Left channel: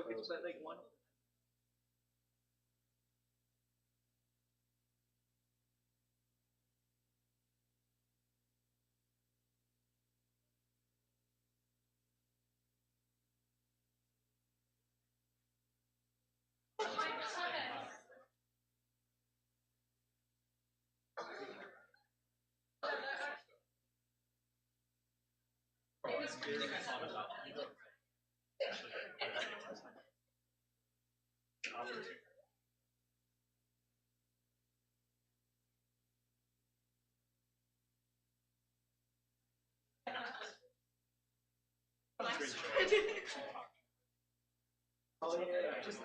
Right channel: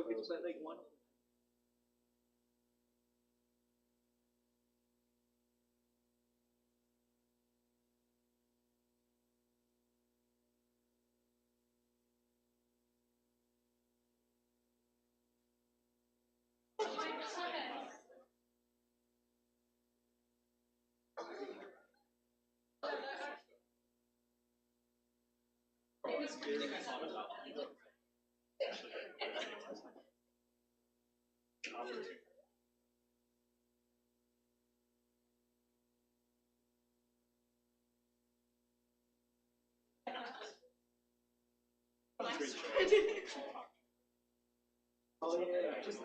Okay, so like one. Oh yeah, just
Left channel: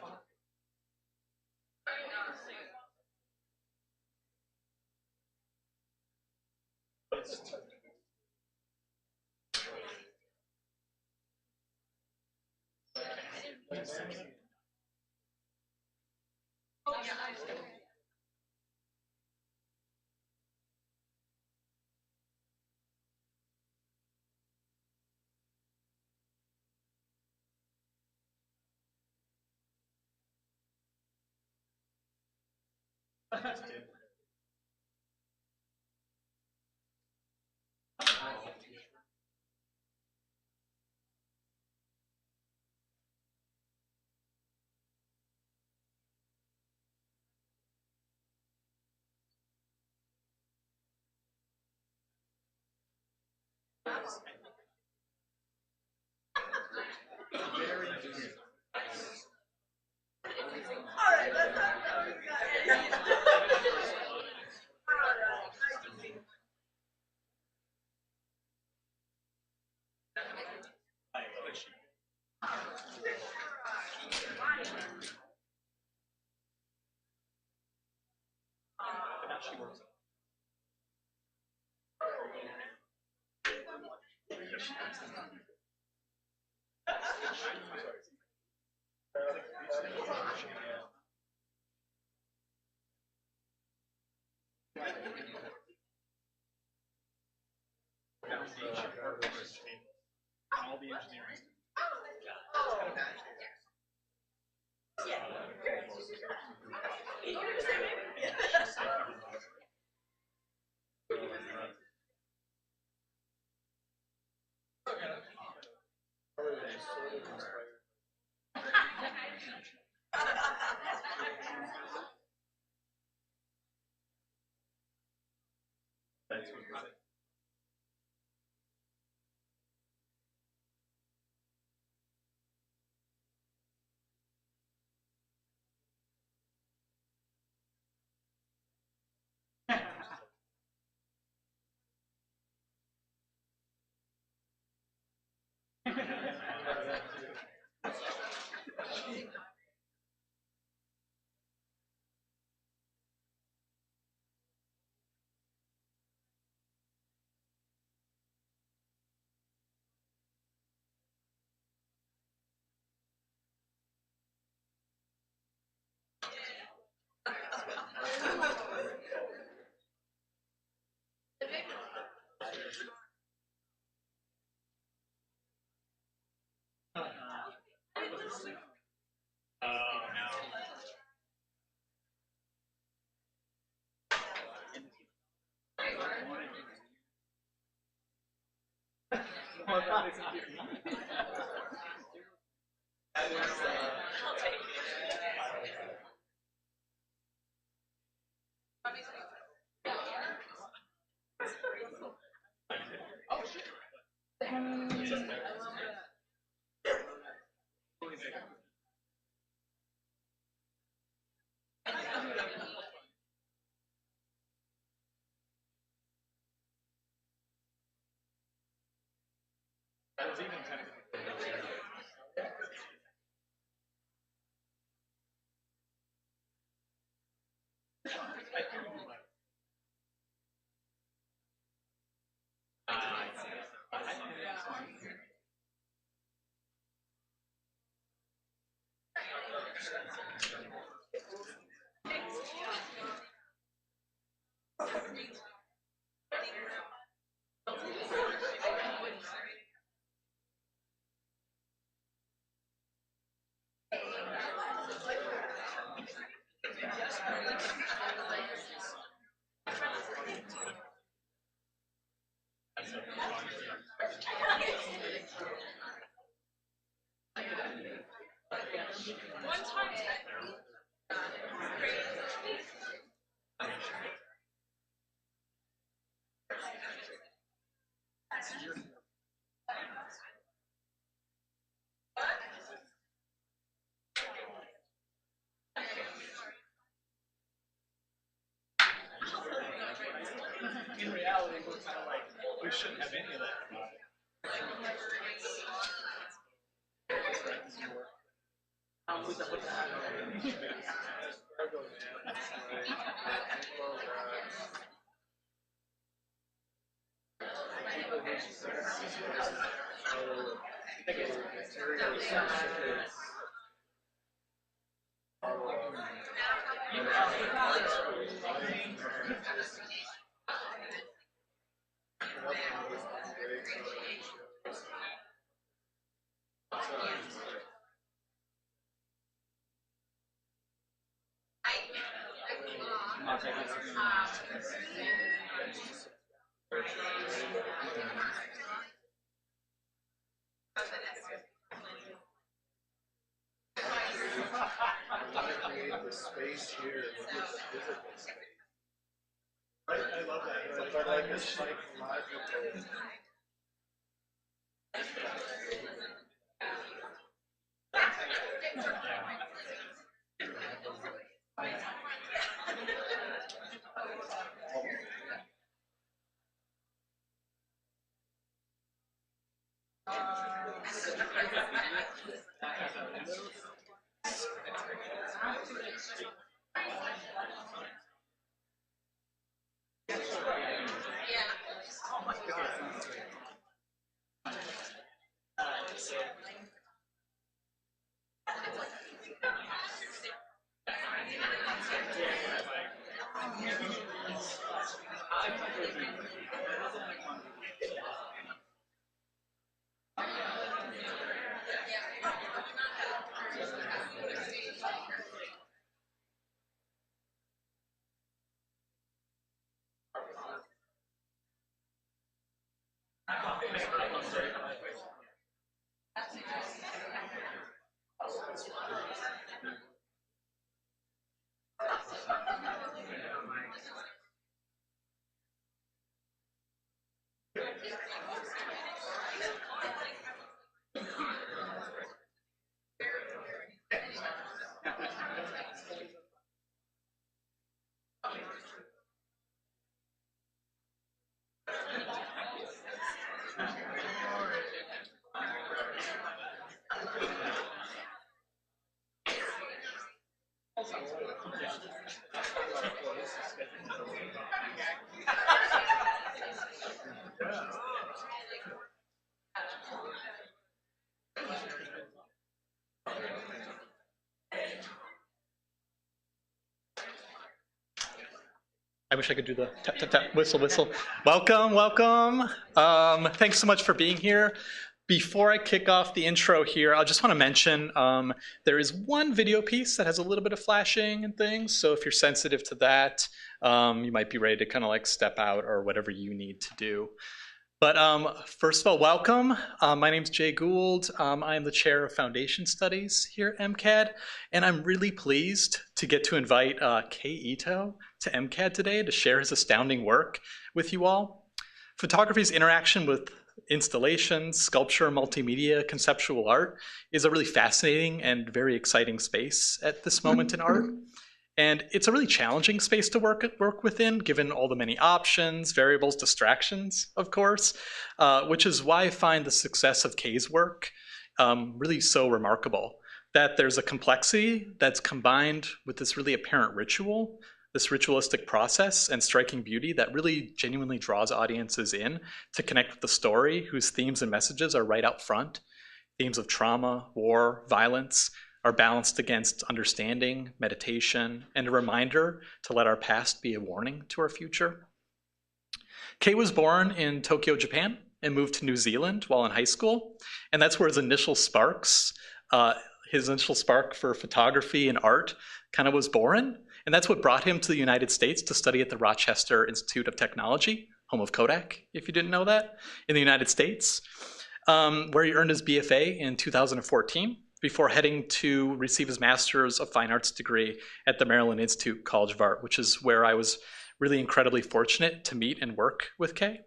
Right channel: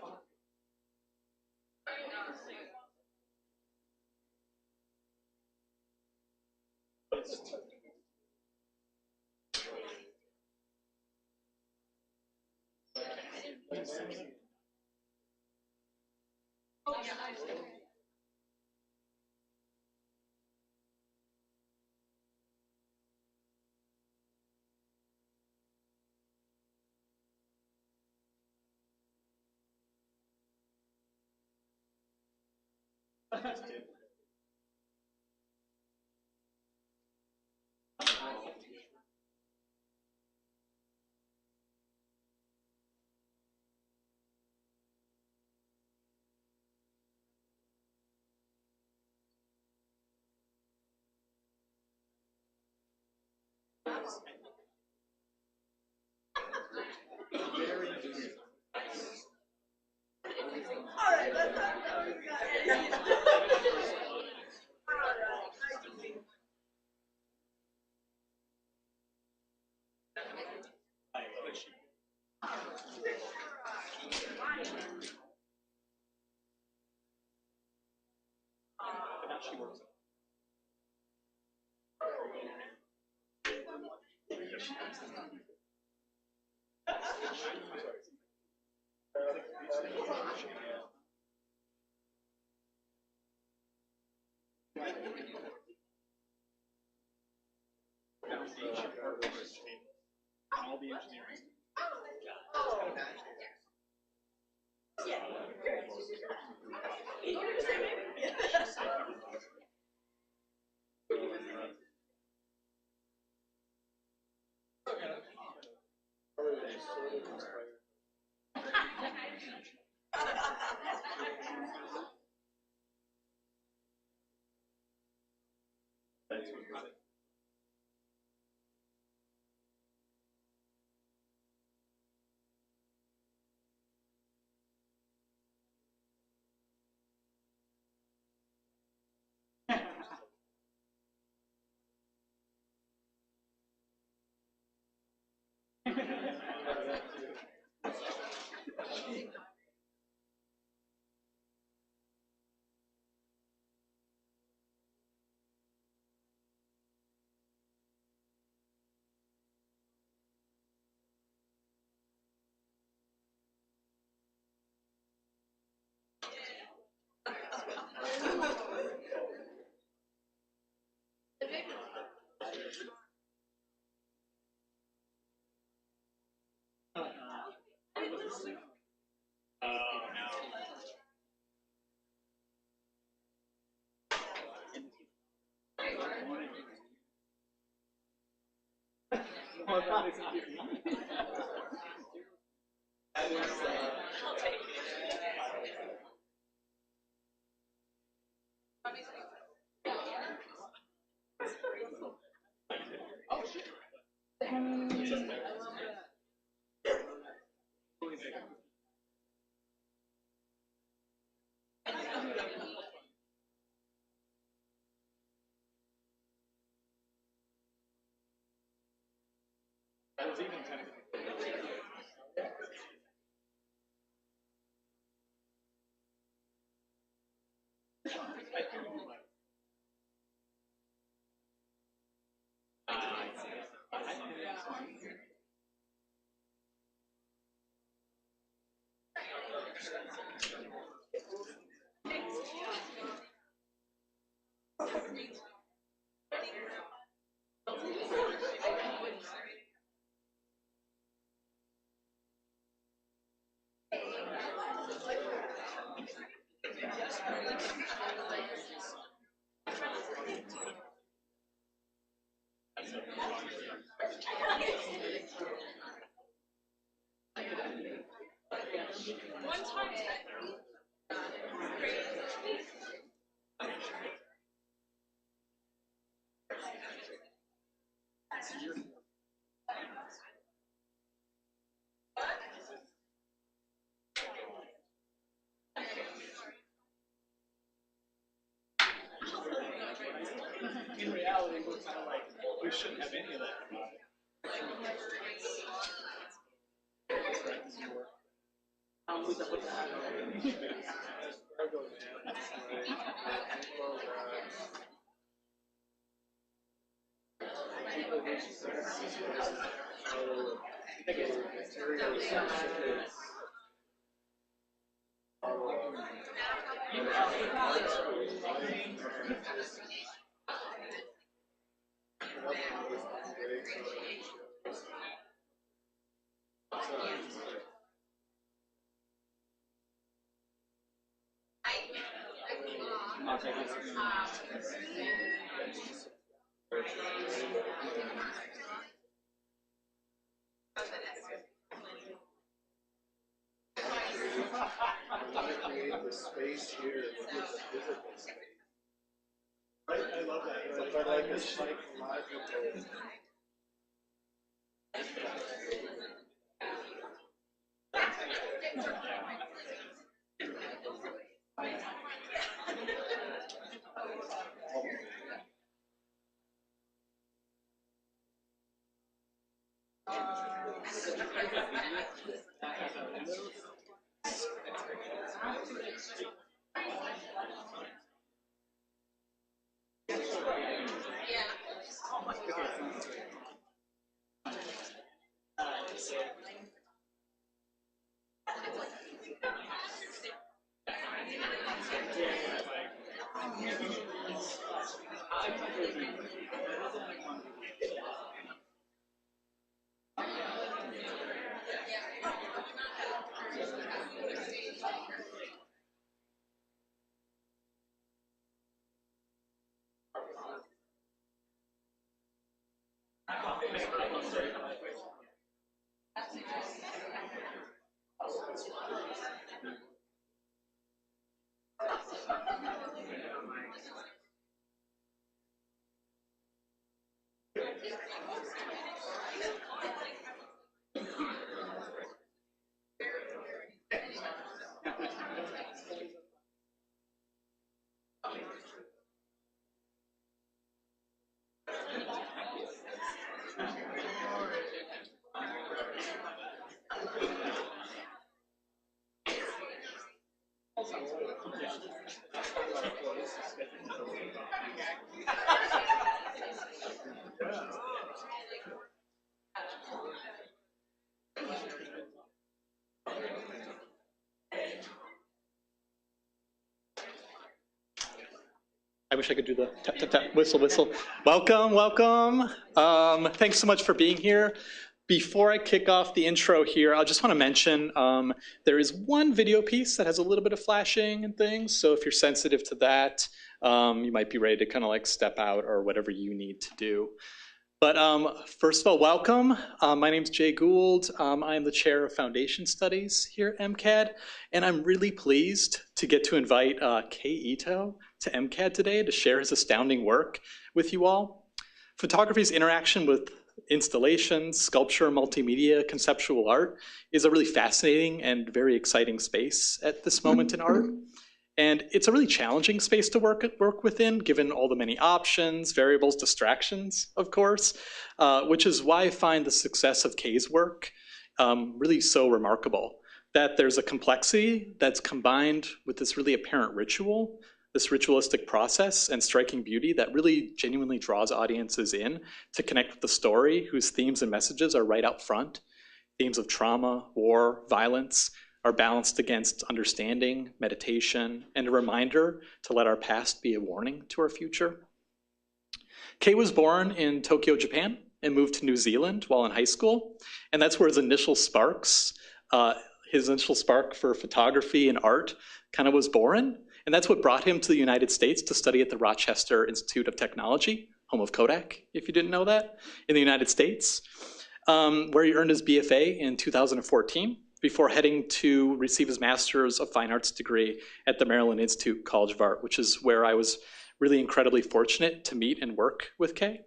all the engineering. Oh, God, it's here. That was even kind of. In reality, we're kind of like, we shouldn't have any of that. The space here is the physical space. I love that. But like a psychological. I wish I could do the tap, tap, tap, whistle, whistle. Welcome, welcome. Thanks so much for being here. Before I kick off the intro here, I just want to mention there is one video piece that has a little bit of flashing and things. So if you're sensitive to that, you might be ready to kind of like step out or whatever you need to do. But first of all, welcome. My name's Jay Gould. I am the chair of Foundation Studies here at MCAD, and I'm really pleased to get to invite Kei Ito to MCAD today to share his astounding work with you all. Photography's interaction with installations, sculpture, multimedia, conceptual art is a really fascinating and very exciting space at this moment in art. And it's a really challenging space to work within, given all the many options, variables, distractions, of course, which is why I find the success of Kei's work really so remarkable. That there's a complexity that's combined with this really apparent ritual, this ritualistic process and striking beauty that really genuinely draws audiences in to connect with the story, whose themes and messages are right out front. Themes of trauma, war, violence, are balanced against understanding, meditation, and a reminder to let our past be a warning to our future. Kei was born in Tokyo, Japan, and moved to New Zealand while in high school, and that's where his initial spark for photography and art kind of was born, and that's what brought him to the United States to study at the Rochester Institute of Technology, home of Kodak, if you didn't know that, in the United States, where he earned his BFA in 2014. before heading to receive his Master's of Fine Arts degree at the Maryland Institute College of Art, which is where I was really incredibly fortunate to meet and work with Kei.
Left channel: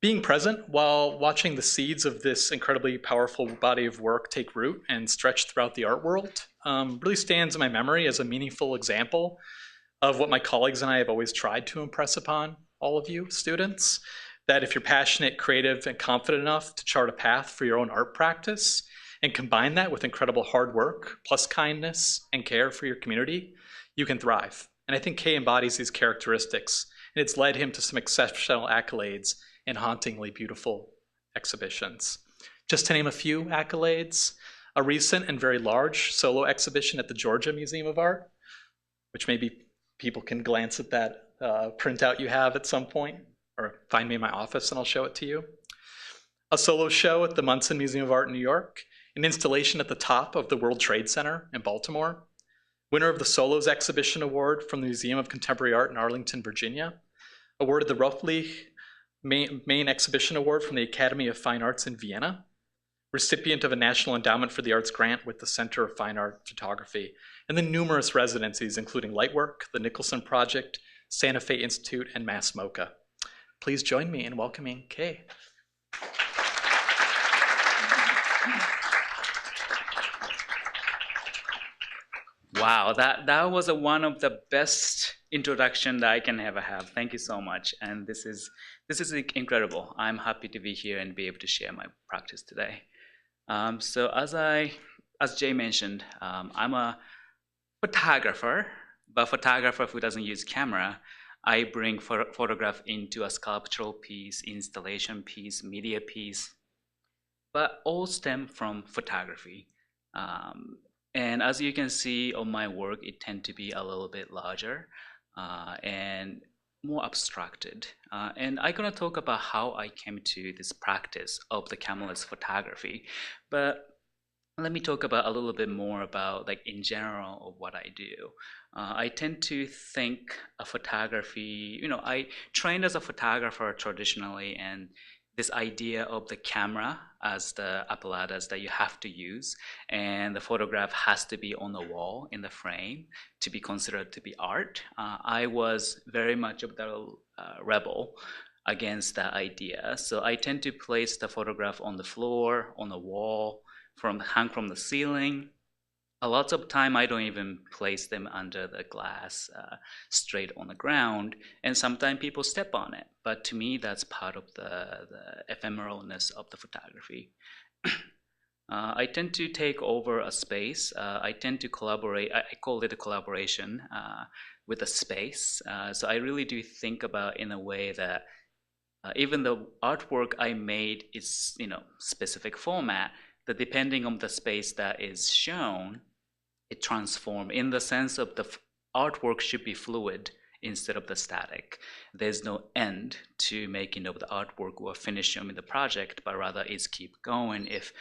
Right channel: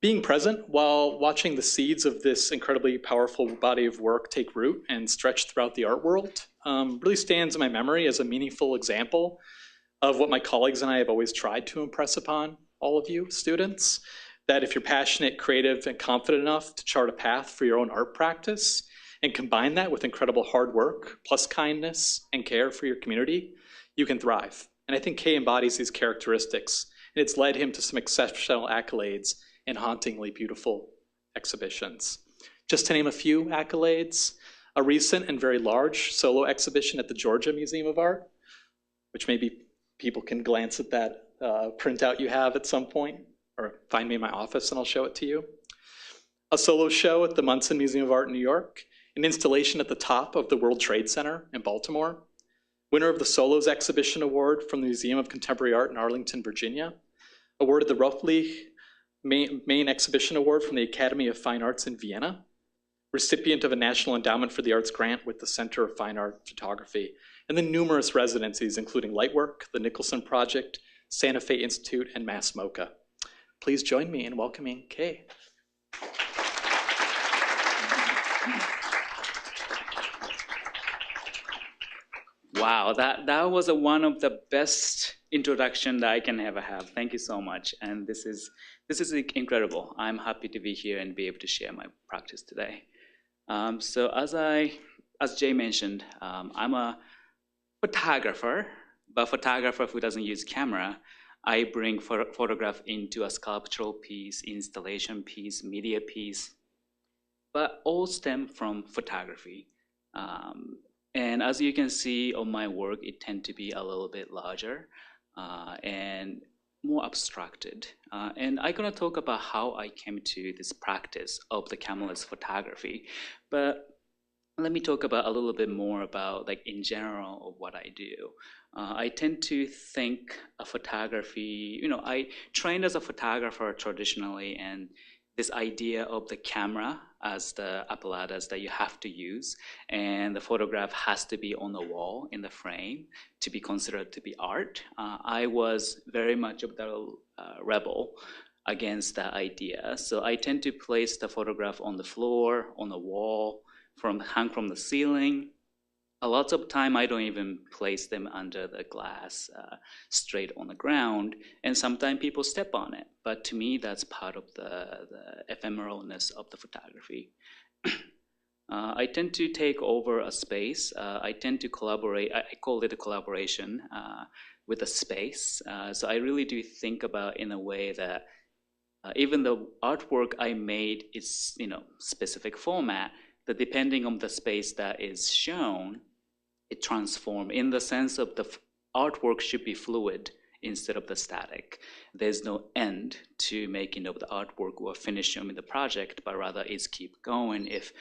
Being present while watching the seeds of this incredibly powerful body of work take root and stretch throughout the art world really stands in my memory as a meaningful example of what my colleagues and I have always tried to impress upon all of you students, that if you're passionate, creative, and confident enough to chart a path for your own art practice and combine that with incredible hard work, plus kindness and care for your community, you can thrive. And I think Kei embodies these characteristics, and it's led him to some exceptional accolades and hauntingly beautiful exhibitions. Just to name a few accolades, a recent and very large solo exhibition at the Georgia Museum of Art, which maybe people can glance at that printout you have at some point, or find me in my office and I'll show it to you. A solo show at the Munson Museum of Art in New York, an installation at the top of the World Trade Center in Baltimore, winner of the Solos Exhibition Award from the Museum of Contemporary Art in Arlington, Virginia, awarded the roughly main exhibition award from the Academy of Fine Arts in Vienna, recipient of a National Endowment for the Arts grant with the Center of Fine Art Photography, and then numerous residencies, including Lightwork, the Nicholson Project, Santa Fe Institute, and Mass MoCA. Please join me in welcoming Kei. Wow, that was one of the best introduction that I can ever have. Thank you so much, and this is incredible. I'm happy to be here and be able to share my practice today. So as Jay mentioned, I'm a photographer, but photographer who doesn't use camera. I bring photograph into a sculptural piece, installation piece, media piece, but all stem from photography. And as you can see on my work, it tend to be a little bit larger and more abstracted. And I'm gonna talk about how I came to this practice of the cameraless photography. But let me talk about a little bit more about, like, in general of what I do. I tend to think of photography, I trained as a photographer traditionally, and this idea of the camera as the apparatus that you have to use, and the photograph has to be on the wall in the frame to be considered to be art. I was very much of the rebel against that idea. So I tend to place the photograph on the floor, on the wall, hang from the ceiling. A lot of time I don't even place them under the glass, straight on the ground, and sometimes people step on it. But to me, that's part of the ephemeralness of the photography. I tend to take over a space. I tend to collaborate. I call it a collaboration with a space. So I really do think about in a way that even the artwork I made is, specific format, that depending on the space that is shown, it transforms in the sense of the artwork should be fluid instead of the static. There's no end to making of the artwork or finishing the project, but rather it's keep going. If,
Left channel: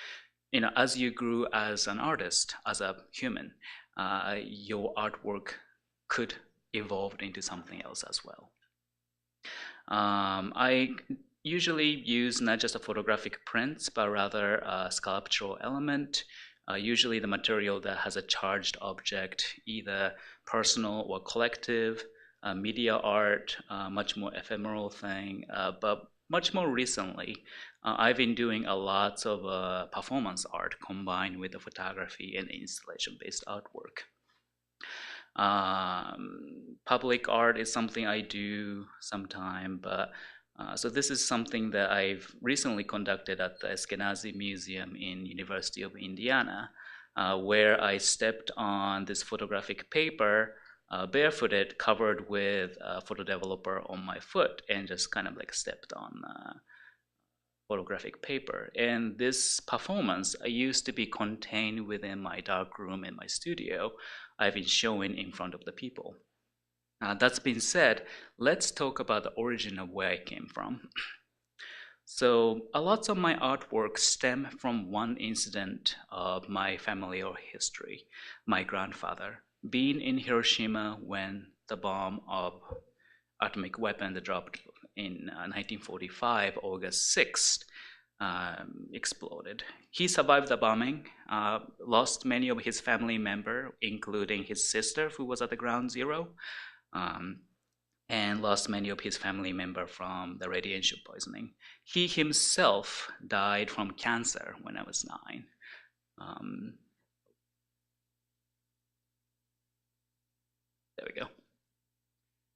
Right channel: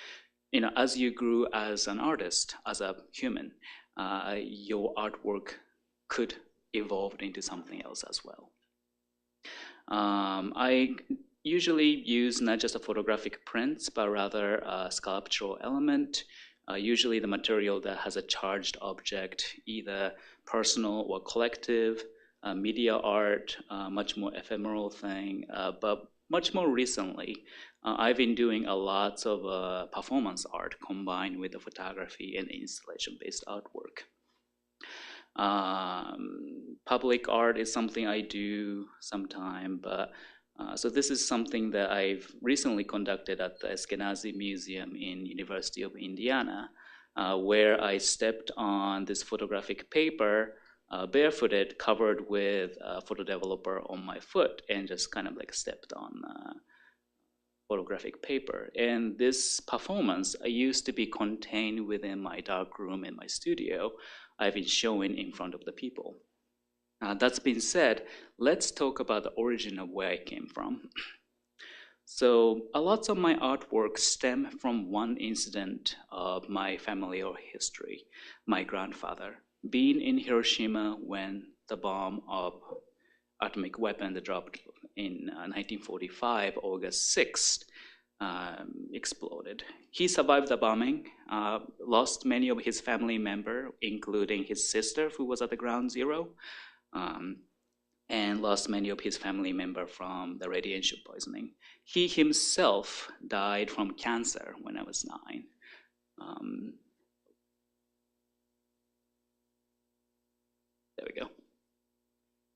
as you grew as an artist, as a human, your artwork could evolve into something else as well. I usually use not just a photographic prints, but rather a sculptural element. Usually the material that has a charged object, either personal or collective, media art, much more ephemeral thing. But much more recently, I've been doing a lot of performance art combined with the photography and installation-based artwork. Public art is something I do sometime, but so this is something that I've recently conducted at the Eskenazi Museum in University of Indiana, where I stepped on this photographic paper, barefooted, covered with a photo developer on my foot, and just kind of like stepped on photographic paper. And this performance used to be contained within my dark room in my studio. I've been showing in front of the people. That's been said, let's talk about the origin of where I came from. So a lot of my artwork stem from one incident of my family or history. My grandfather being in Hiroshima when the bomb of atomic weapon dropped in 1945, August 6th. exploded. He survived the bombing, lost many of his family members, including his sister, who was at the ground zero, and lost many of his family members from the radiation poisoning. He himself died from cancer when I was 9. There we go.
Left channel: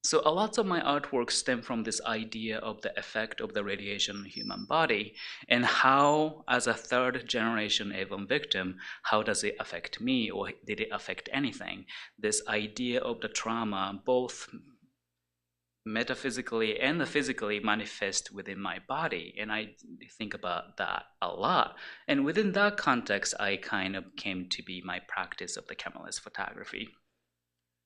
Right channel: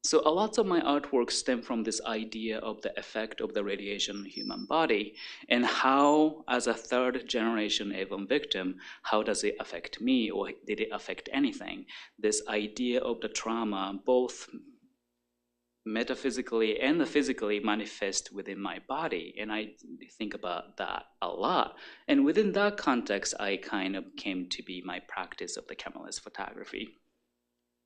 So a lot of my artwork stem from this idea of the effect of the radiation on the human body, and how, as a third generation AVON victim, how does it affect me, or did it affect anything? This idea of the trauma, both metaphysically and physically, manifest within my body, and I think about that a lot. And within that context, I kind of came to be my practice of the cameraless photography.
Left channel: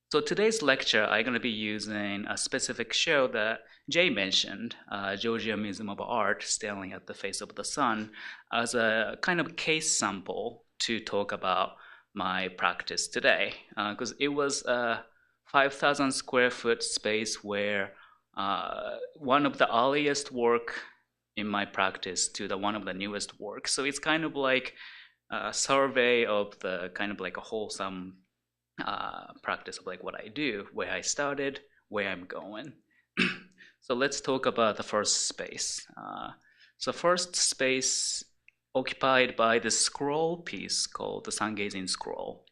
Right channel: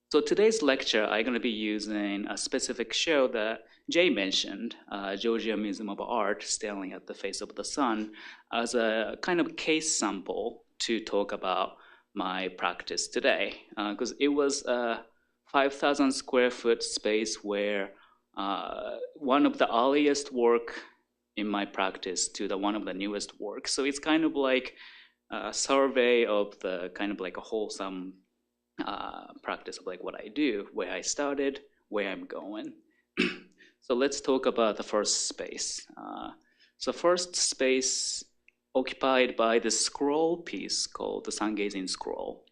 So today's lecture, I'm going to be using a specific show that Jay mentioned, Georgia Museum of Art, Staring at the Face of the Sun, as a kind of case sample to talk about my practice today. Because it was a 5,000 square foot space where one of the earliest work in my practice to the one of the newest work. So it's kind of like a survey of the kind of like a wholesome practice of like what I do, where I started, where I'm going. So let's talk about the first space. So first space occupied by the scroll piece called the Sun Gazing Scroll,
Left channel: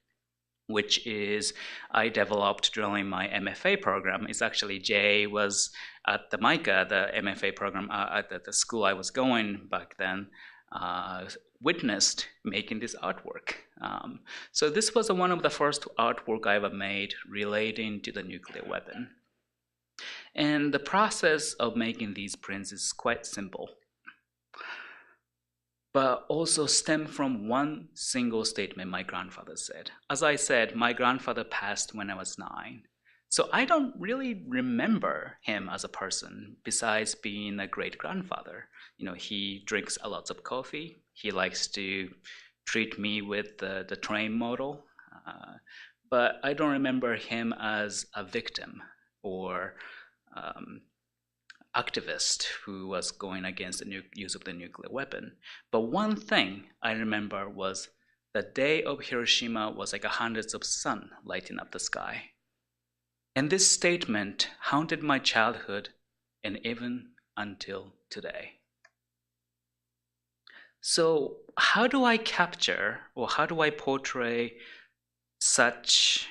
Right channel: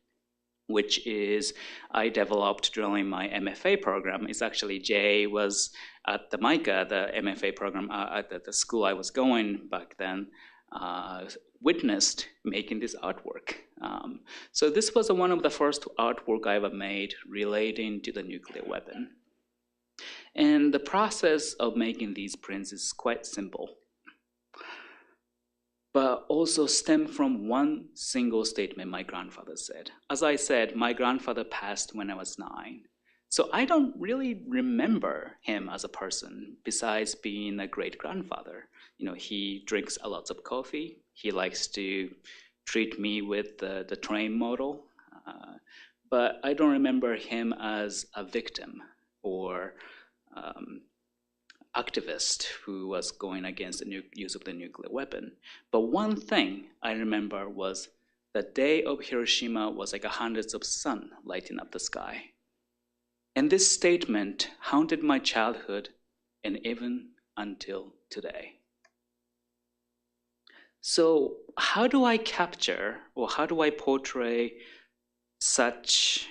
which is I developed during my MFA program. It's actually Jay was at the MICA, the MFA program at the school I was going back then, witnessed making this artwork. So this was one of the first artwork I ever made relating to the nuclear weapon. And the process of making these prints is quite simple, but also stem from one single statement my grandfather said. As I said, my grandfather passed when I was 9. So I don't really remember him as a person besides being a great grandfather. You know, he drinks a lot of coffee. He likes to treat me with the train model. But I don't remember him as a victim or activist who was going against the use of the nuclear weapon. But one thing I remember was the day of Hiroshima was like hundreds of sun lighting up the sky. And this statement haunted my childhood and even until today. So how do I capture or how do I portray such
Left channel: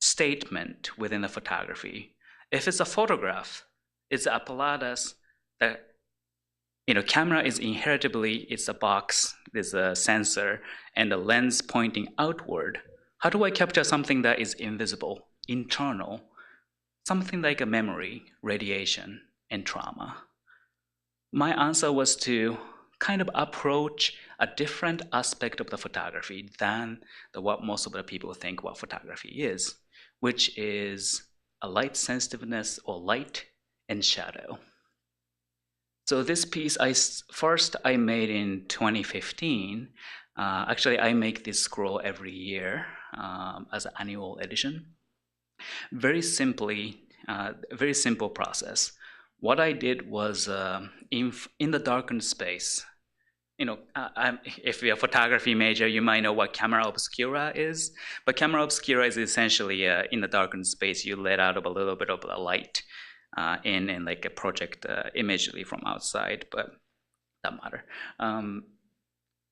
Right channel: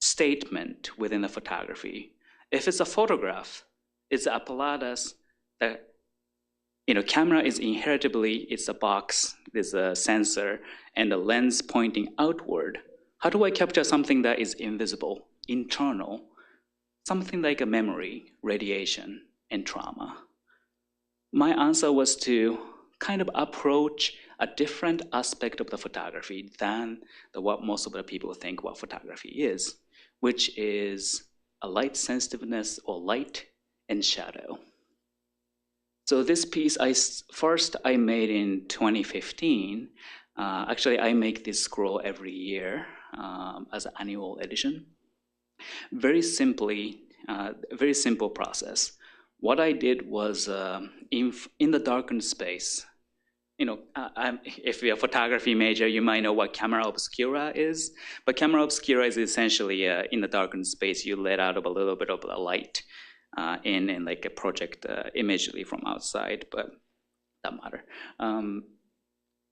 statement within a photography? If it's a photograph, it's an apparatus that, you know, camera is inheritably, it's a box, there's a sensor and a lens pointing outward. How do I capture something that is invisible, internal, something like a memory, radiation, and trauma? My answer was to kind of approach a different aspect of the photography than what most of the people think what photography is, which is a light sensitiveness or light and shadow. So this piece I made in 2015. Actually, I make this scroll every year as an annual edition. Very simply, very simple process. What I did was in the darkened space. You know, if you're a photography major, you might know what camera obscura is. But camera obscura is essentially in the darkened space, you let out of a little bit of the light in and like a project immediately from outside, but that matter.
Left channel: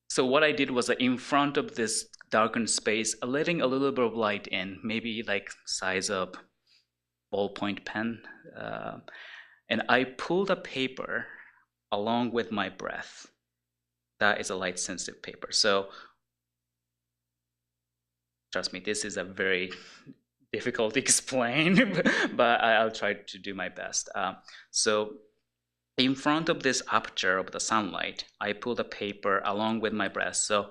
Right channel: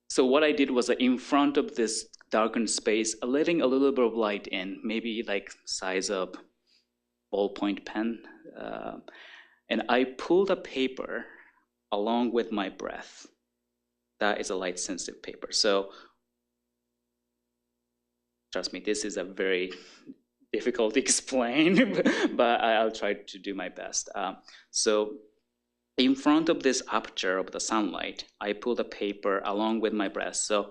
So what I did was in front of this darkened space, letting a little bit of light in, maybe like size up ballpoint pen, and I pulled a paper along with my breath. That is a light sensitive paper. So trust me, this is a very difficult to explain, but I'll try to do my best. So in front of this aperture of the sunlight, I pull the paper along with my breath. So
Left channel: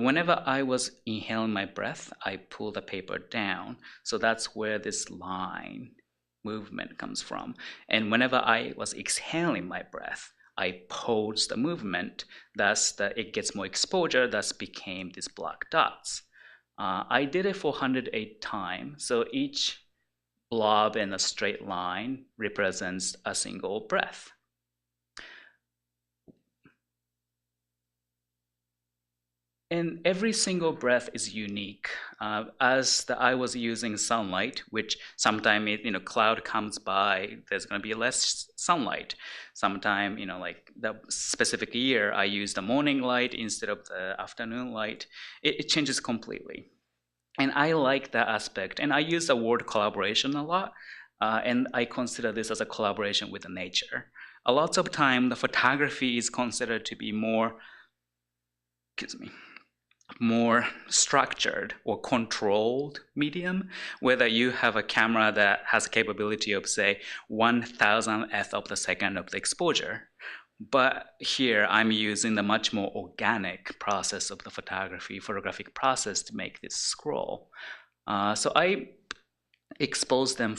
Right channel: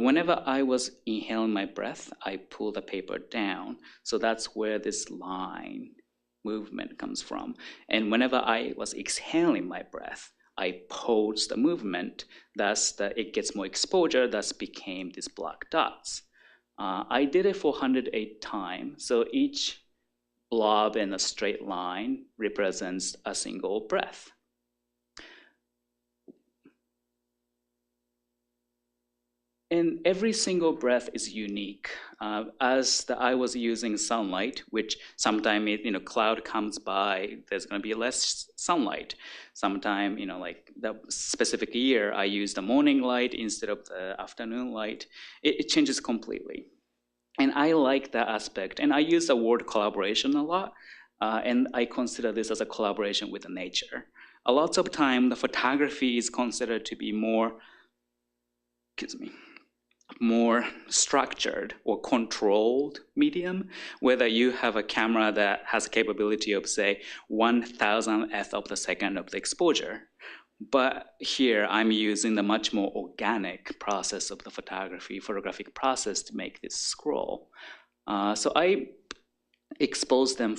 whenever I was inhaling my breath, I pull the paper down. So that's where this line movement comes from. And whenever I was exhaling my breath, I pose the movement. Thus, it gets more exposure. Thus became these black dots. I did it for 108 times. So each blob in a straight line represents a single breath. And every single breath is unique. As I was using sunlight, which sometimes cloud comes by, there's going to be less sunlight. Sometime like the specific year, I use the morning light instead of the afternoon light. It changes completely, and I like that aspect. And I use the word collaboration a lot, and I consider this as a collaboration with nature. A lot of time, the photography is considered to be more structured or controlled medium, whether you have a camera that has a capability of, say, 1,000th of the second of the exposure. But here I'm using the much more organic process of the photographic process to make this scroll. So I expose them.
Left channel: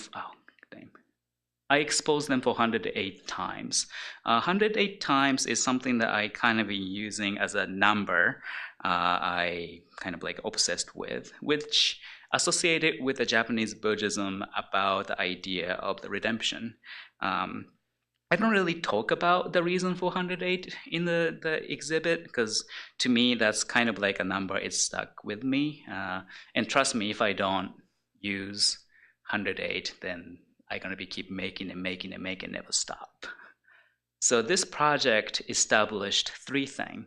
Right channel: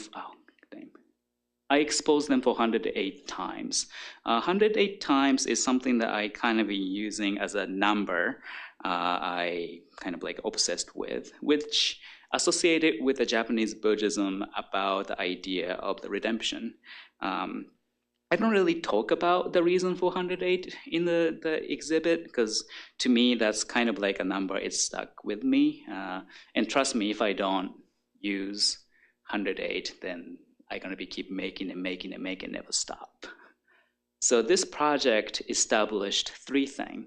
I exposed them for 108 times. 108 times is something that I kind of been using as a number I kind of like obsessed with, which associated with the Japanese Buddhism about the idea of the redemption. I don't really talk about the reason for 108 in the exhibit, because to me that's kind of like a number. It's stuck with me. And trust me, if I don't use 108, then I'm going to be keep making, never stop. So this project established three things:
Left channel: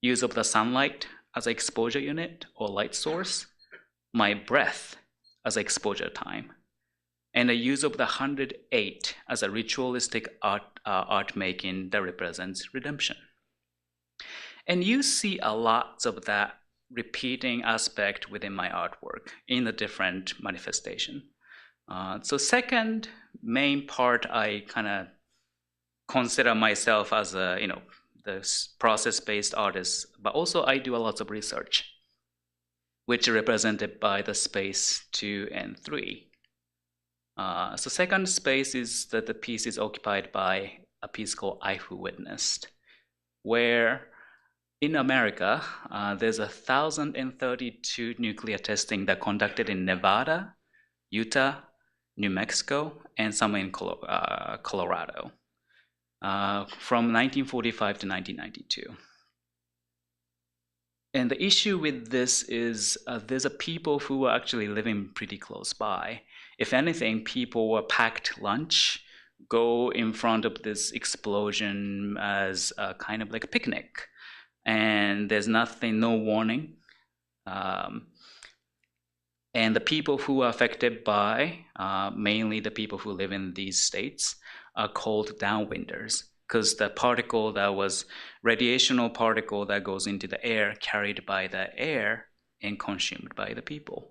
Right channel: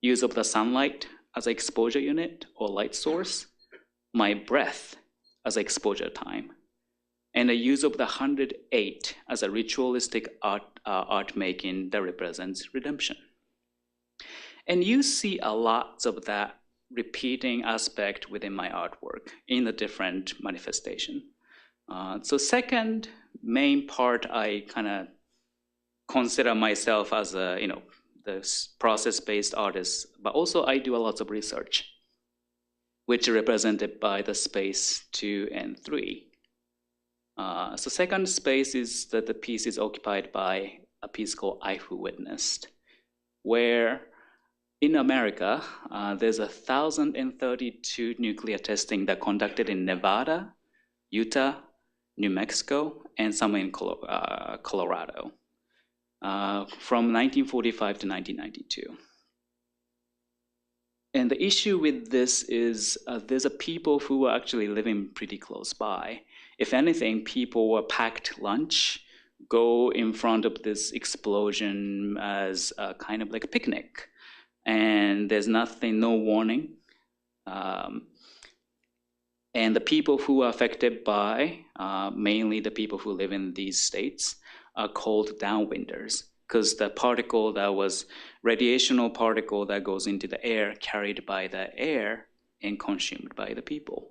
use of the sunlight as an exposure unit or light source, my breath as exposure time, and the use of the 108 as a ritualistic art making that represents redemption. And you see a lot of that repeating aspect within my artwork in the different manifestation. So second main part, I kind of consider myself as a, the process-based artist, but also I do a lot of research, which are represented by the space 2 and 3. So second space is that the piece is occupied by a piece called I Who Witnessed, where in America, there's 1,032 nuclear testing that conducted in Nevada, Utah, New Mexico, and some in Colorado, from 1945 to 1992. And the issue with this is there's a people who are actually living pretty close by. If anything, people were packed lunch, go in front of this explosion as a kind of like a picnic. And there's nothing, no warning. And the people who are affected by, mainly the people who live in these states, are called downwinders, because the particle that was radiational particle that goes into the air, carried by the air and consumed by the people.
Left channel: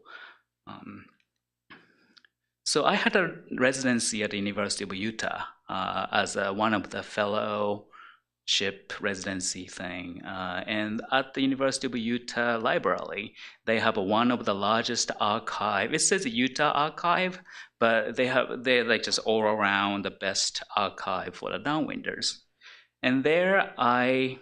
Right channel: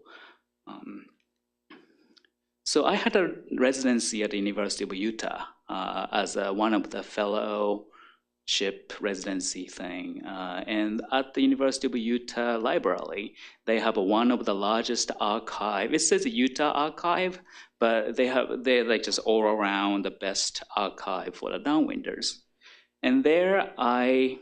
So I had a residency at the University of Utah as one of the fellowship residency thing. And at the University of Utah Library, they have one of the largest archive. It says Utah Archive, but they're like just all around the best archive for the downwinders. And there I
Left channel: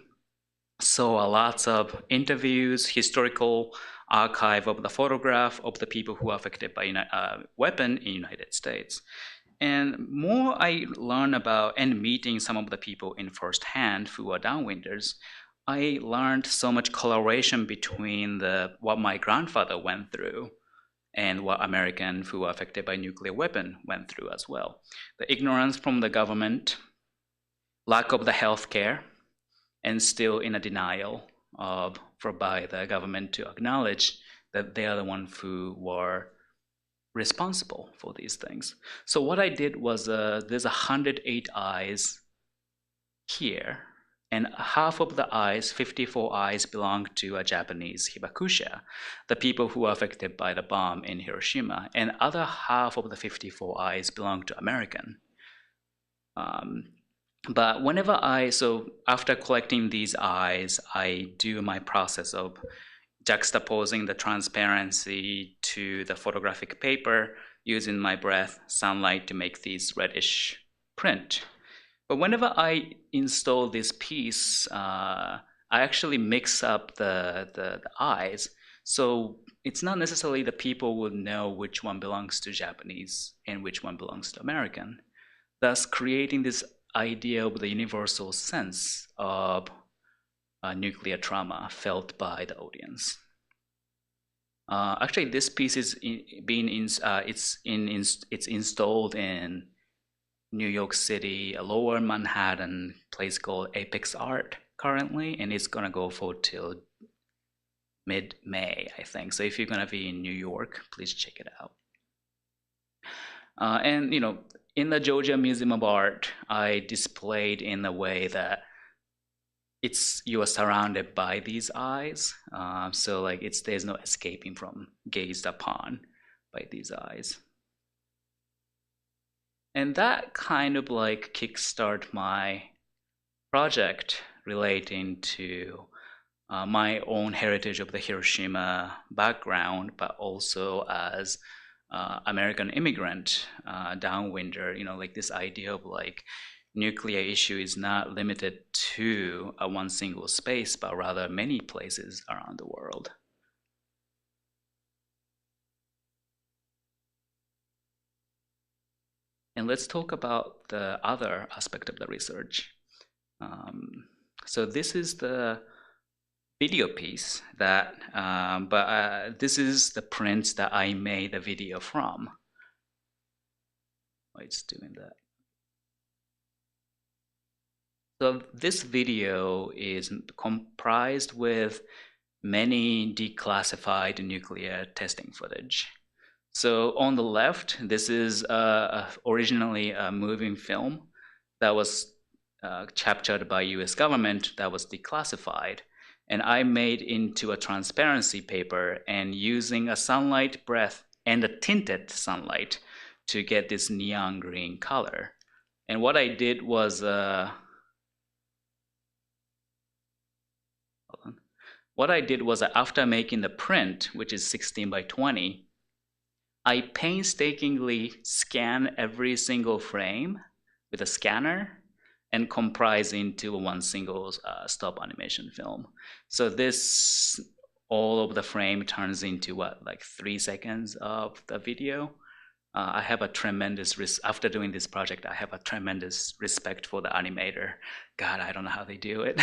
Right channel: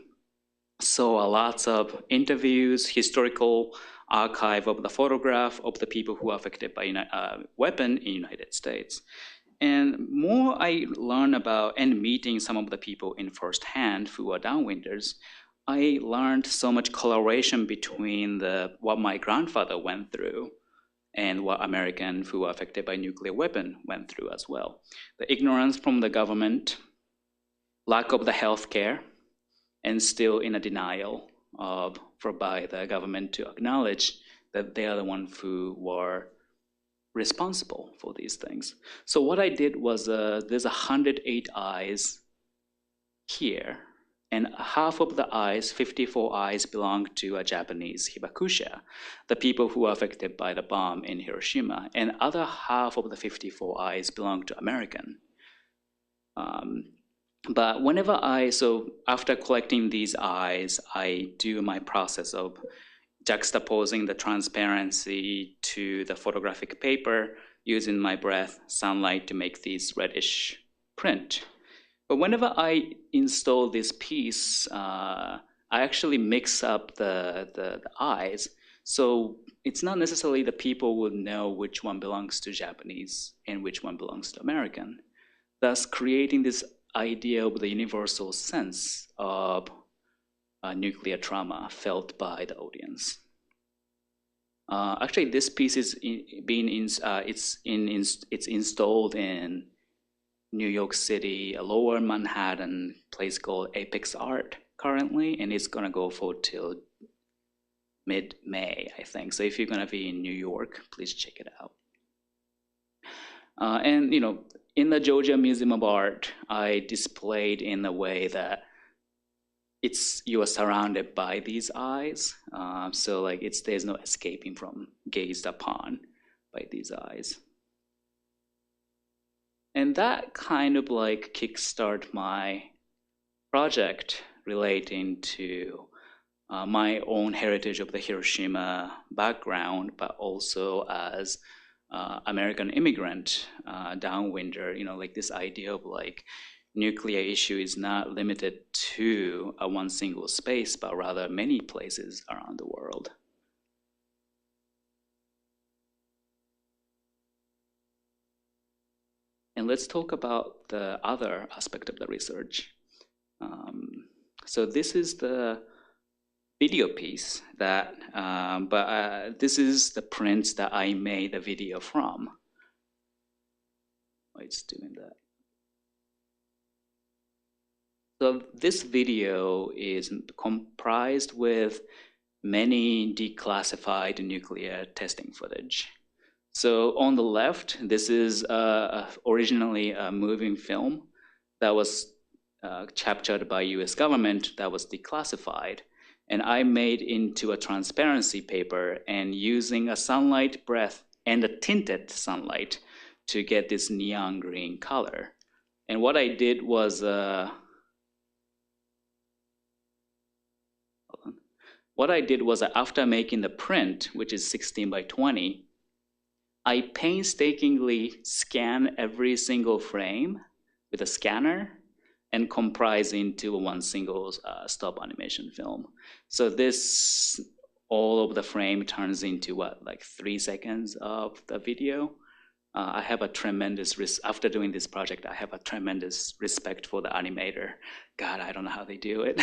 saw a lot of interviews, historical archive of the photograph of the people who are affected by weapon in United States. And more I learn about and meeting some of the people in firsthand who are downwinders, I learned so much correlation between what my grandfather went through and what Americans who are affected by nuclear weapon went through as well. The ignorance from the government, lack of the health care, and still in a denial by the government to acknowledge that they are the ones who were responsible for these things. So what I did was there's 108 eyes here, and half of the eyes, 54 eyes, belong to a Japanese hibakusha, the people who are affected by the bomb in Hiroshima, and other half of the 54 eyes belong to American. But whenever so after collecting these eyes, I do my process of juxtaposing the transparency to the photographic paper using my breath, sunlight to make these reddish print. But whenever I install this piece, I actually mix up the eyes. So it's not necessarily the people would know which one belongs to Japanese and which one belongs to American, thus creating this idea of the universal sense of nuclear trauma felt by the audience. Actually, this piece is it's installed in New York City, Lower Manhattan place called Apex Art currently, and it's gonna go for till mid-May, I think. So if you're gonna be in New York, please check it out. And you know, in the Georgia Museum of Art, I displayed in a way that you are surrounded by these eyes. So like there's no escaping from gazed upon by these eyes. And that kind of like kickstart my project relating to my own heritage of the Hiroshima background, but also as American immigrant downwinder, you know, like this idea of like nuclear issue is not limited to one single space, but rather many places around the world. And let's talk about the other aspect of the research. So this is the video piece that, this is the prints that I made the video from. Oh, it's doing that. So this video is comprised with many declassified nuclear testing footage. So on the left, this is originally a moving film that was captured by US government that was declassified. And I made into a transparency paper and using a sunlight breath and a tinted sunlight to get this neon green color. And what I did was, after making the print, which is 16 by 20, I painstakingly scan every single frame with a scanner and comprise into one single stop animation film. So this, all of the frame turns into what, like 3 seconds of the video. I have a tremendous, after doing this project, I have a tremendous respect for the animator. God, I don't know how they do it.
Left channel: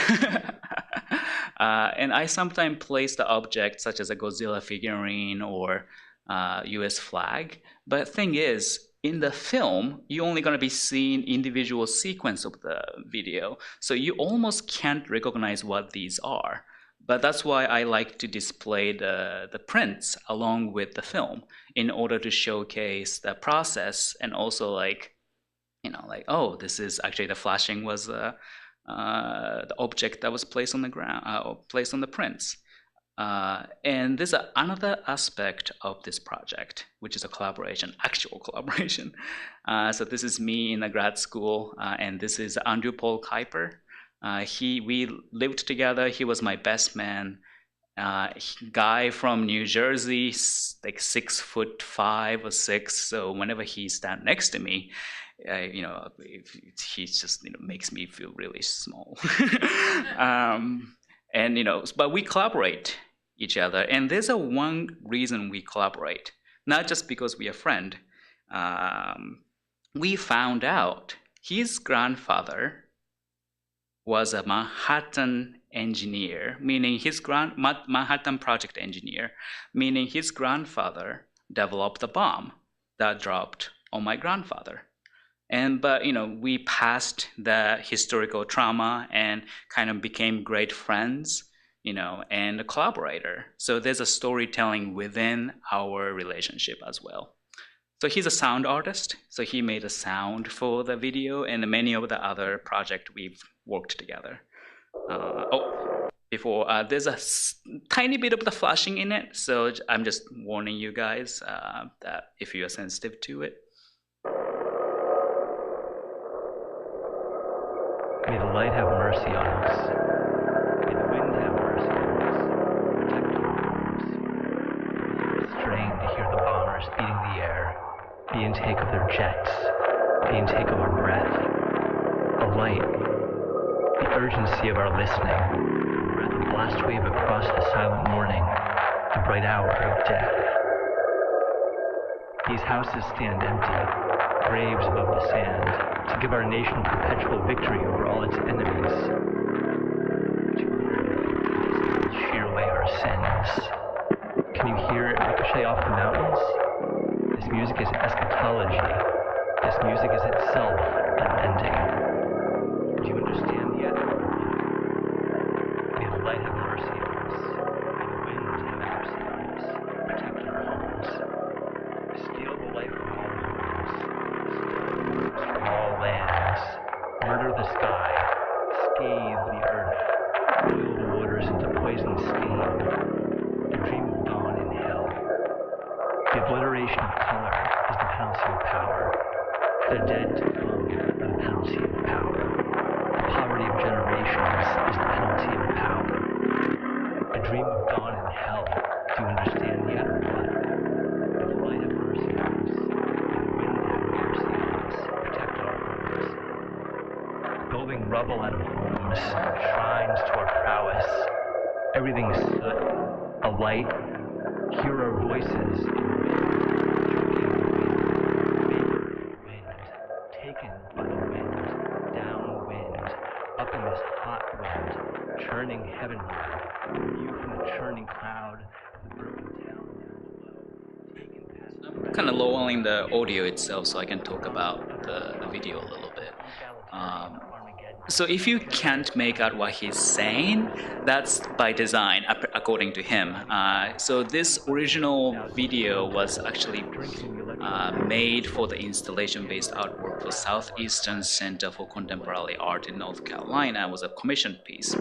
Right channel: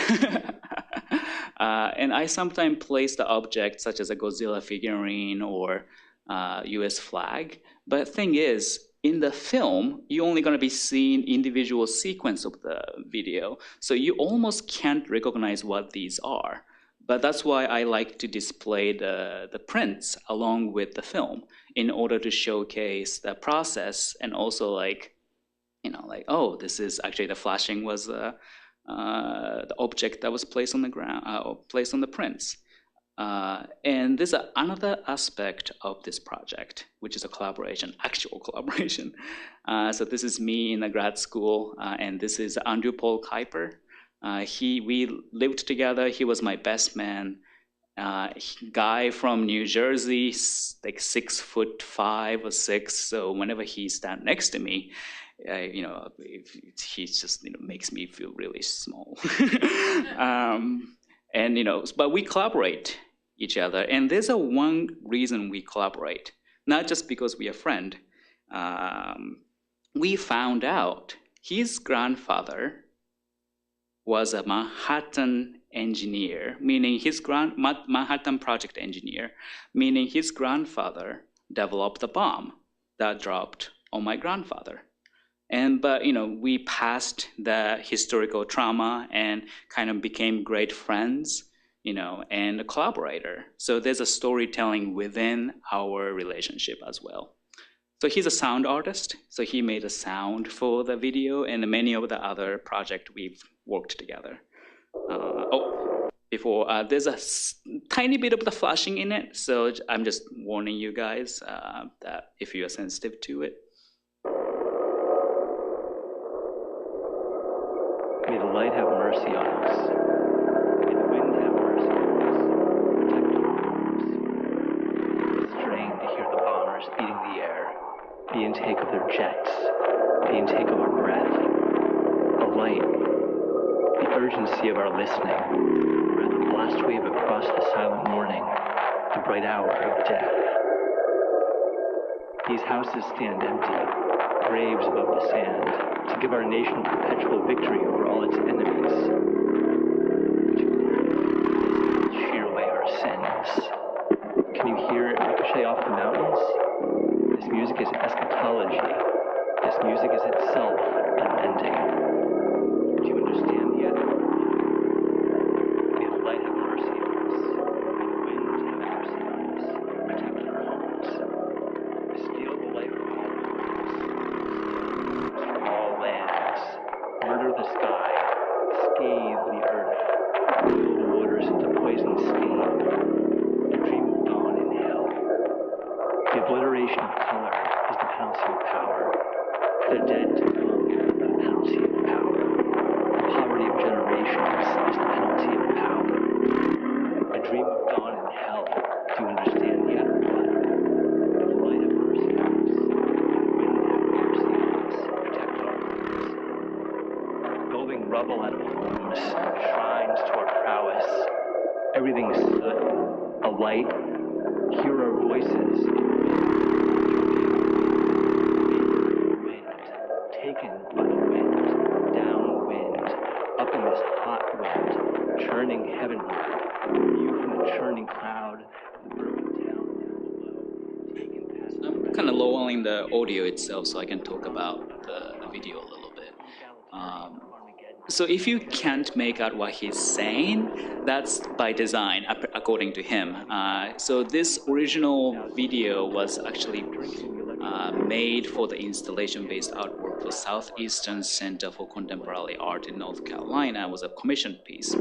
And I sometimes place the object such as a Godzilla figurine or US flag. But thing is, in the film, you're only going to be seeing individual sequence of the video. So you almost can't recognize what these are. But that's why I like to display the prints along with the film in order to showcase the process and also like, you know, like, oh, this is actually the flashing was the object that was placed on the ground, placed on the prints. And there's another aspect of this project, which is a collaboration, actual collaboration. So this is me in the grad school, and this is Andrew Paul Kuiper. We lived together. He was my best man. Guy from New Jersey, like 6'5" or 6". So whenever he stands next to me, you know, he just, you know, makes me feel really small. And you know, but we collaborate each other, and there's one reason we collaborate, not just because we are friends. We found out his grandfather was a Manhattan engineer, meaning his Manhattan project engineer, meaning his grandfather developed a bomb that dropped on my grandfather. But you know, we passed the historical trauma and kind of became great friends, you know, and a collaborator. So there's a storytelling within our relationship as well. So he's a sound artist, so he made a sound for the video and many of the other projects we've worked together. There's a tiny bit of the flashing in it, so I'm just warning you guys that if you are sensitive to it. May the light have mercy on us. May the wind have mercy on us. Protect our homes. It is strange to hear the bombers beating the air, the intake of their jets, the intake of our breath. The light, the urgency of our listening, the breath of blast wave across the silent morning. the bright hour of death. These houses stand empty, graves above the sand, to give our nation perpetual victory over all its enemies. Shear away our sins. Can you hear it ricochet off the mountains? This music is eschatology. This music is itself unending. Do you understand yet? May the light have mercy on us. May the wind have mercy on us. Protect our homes. Steal the life from all homes. From all lands. Murder the sky. Scathe the earth. Boil the waters into poison steam. And dream of dawn in hell. The obliteration of color is the penalty of power. The dead to come are the penalty of power. The poverty of generations is the penalty of power. A dream of dawn in hell. Do you understand yet or what? May the light have mercy on us. May the wind have mercy on us. Protect our homes. Building rubble out of homes, shrines to our prowess. Everything's soot, a light. Hear our voices in wind, taken by the wind, downwind, up in this hot wind, churning heavenward, view from the churning cloud, the broken town down below, taken past the I'm kind of lowering the audio itself so I can talk about the video a little bit. So if you can't make out what he's saying, that's by design, according to him. So this original video was actually made for the installation-based artwork for Southeastern Center for Contemporary Art in North Carolina. It was a commissioned piece.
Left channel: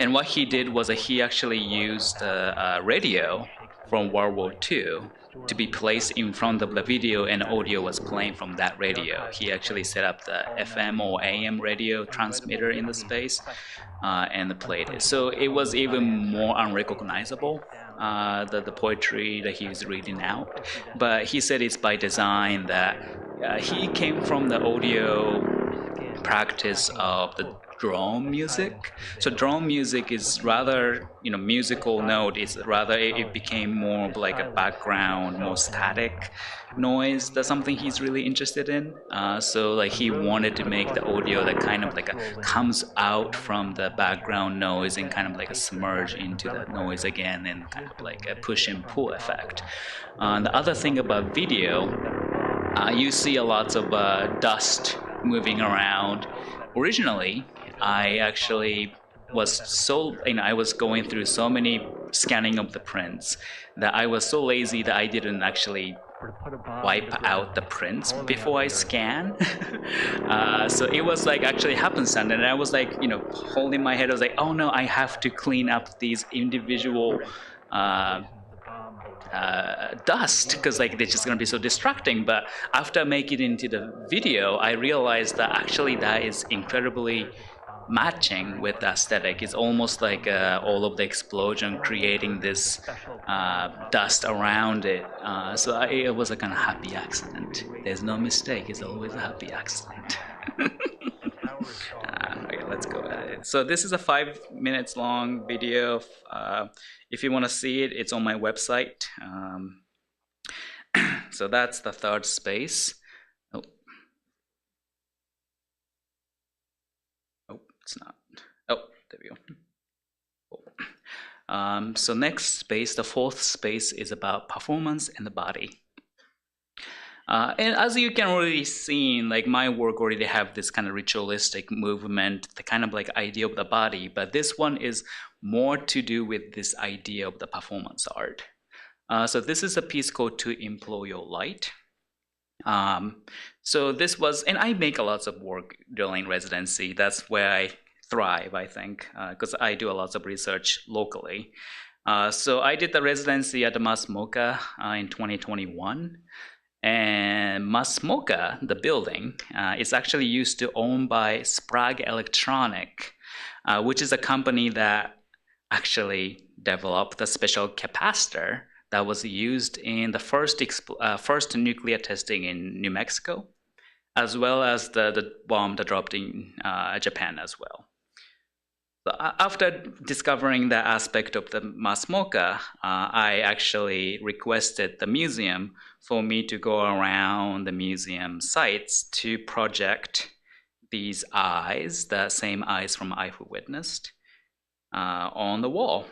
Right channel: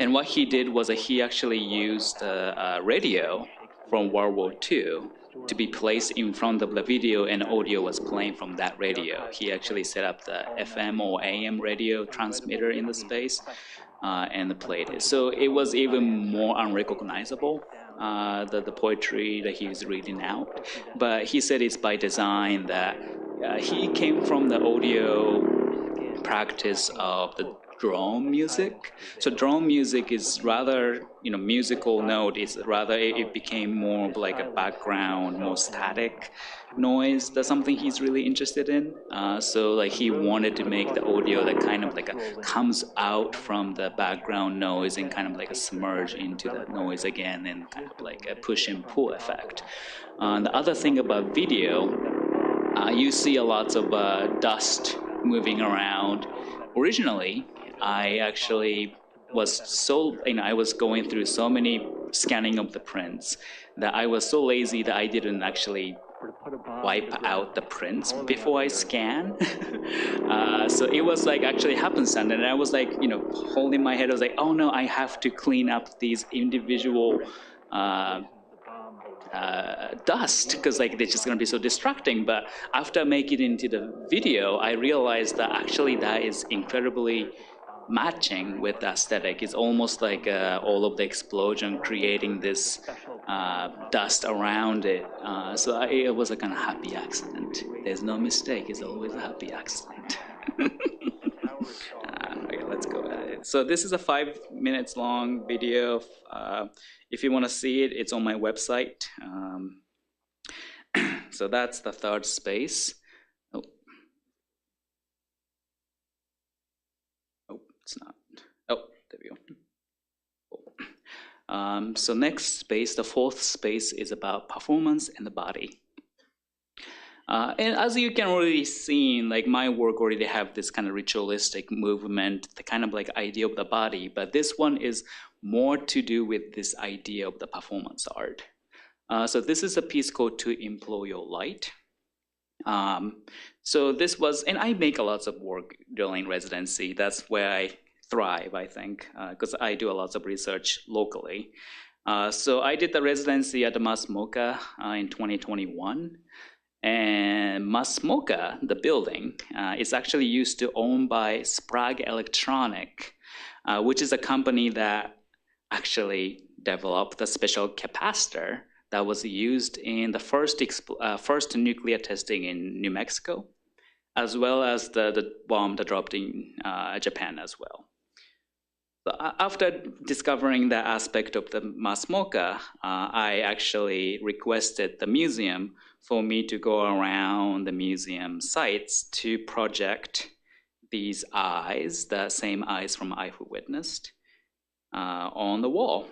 And what he did was that he actually used a radio from World War II to be placed in front of the video, and audio was playing from that radio. He actually set up the FM or AM radio transmitter in the space and played it. So it was even more unrecognizable, the poetry that he was reading out. But he said it's by design that he came from the audio practice of the drone music. So drone music is rather, musical note. It's rather, it became more of like a background, more static noise. That's something he's really interested in. So like he wanted to make the audio that kind of like comes out from the background noise and kind of like a submerge into the noise again, and kind of like a push and pull effect. The other thing about video, you see a lot of dust moving around. Originally, I actually was I was going through so many scanning of the prints that I was so lazy that I didn't actually wipe out the prints before I scan. So it was like actually happenstance, and I was like, holding my head. I was like, oh no, I have to clean up these individual dust, because like they're just going to be so distracting. But after making it into the video, I realized that actually that is incredibly matching with the aesthetic. It's almost like all of the explosion creating this dust around it. So it was a kind of happy accident. There's no mistake. It's always a happy accident. Okay, let's go ahead. So this is a 5 minutes long video. If you want to see it, it's on my website. So that's the third space. It's not. Oh, there we go. So next space, the fourth space, is about performance and the body. And as you can already see, like my work already have this kind of ritualistic movement, the kind of like idea of the body, but this one is more to do with this idea of the performance art. So this is a piece called To Employ Your Light. So this was, and I make a lot of work during residency. That's where I thrive, I think, because I do a lot of research locally. So I did the residency at the MAS-MoCA in 2021. And MAS-MoCA, the building, is actually used to own by Sprague Electronic, which is a company that actually developed the special capacitor that was used in the first nuclear testing in New Mexico, as well as the bomb that dropped in Japan as well. After discovering that aspect of the mass mocha, I actually requested the museum for me to go around the museum sites to project these eyes, the same eyes from I Who Witnessed, on the wall.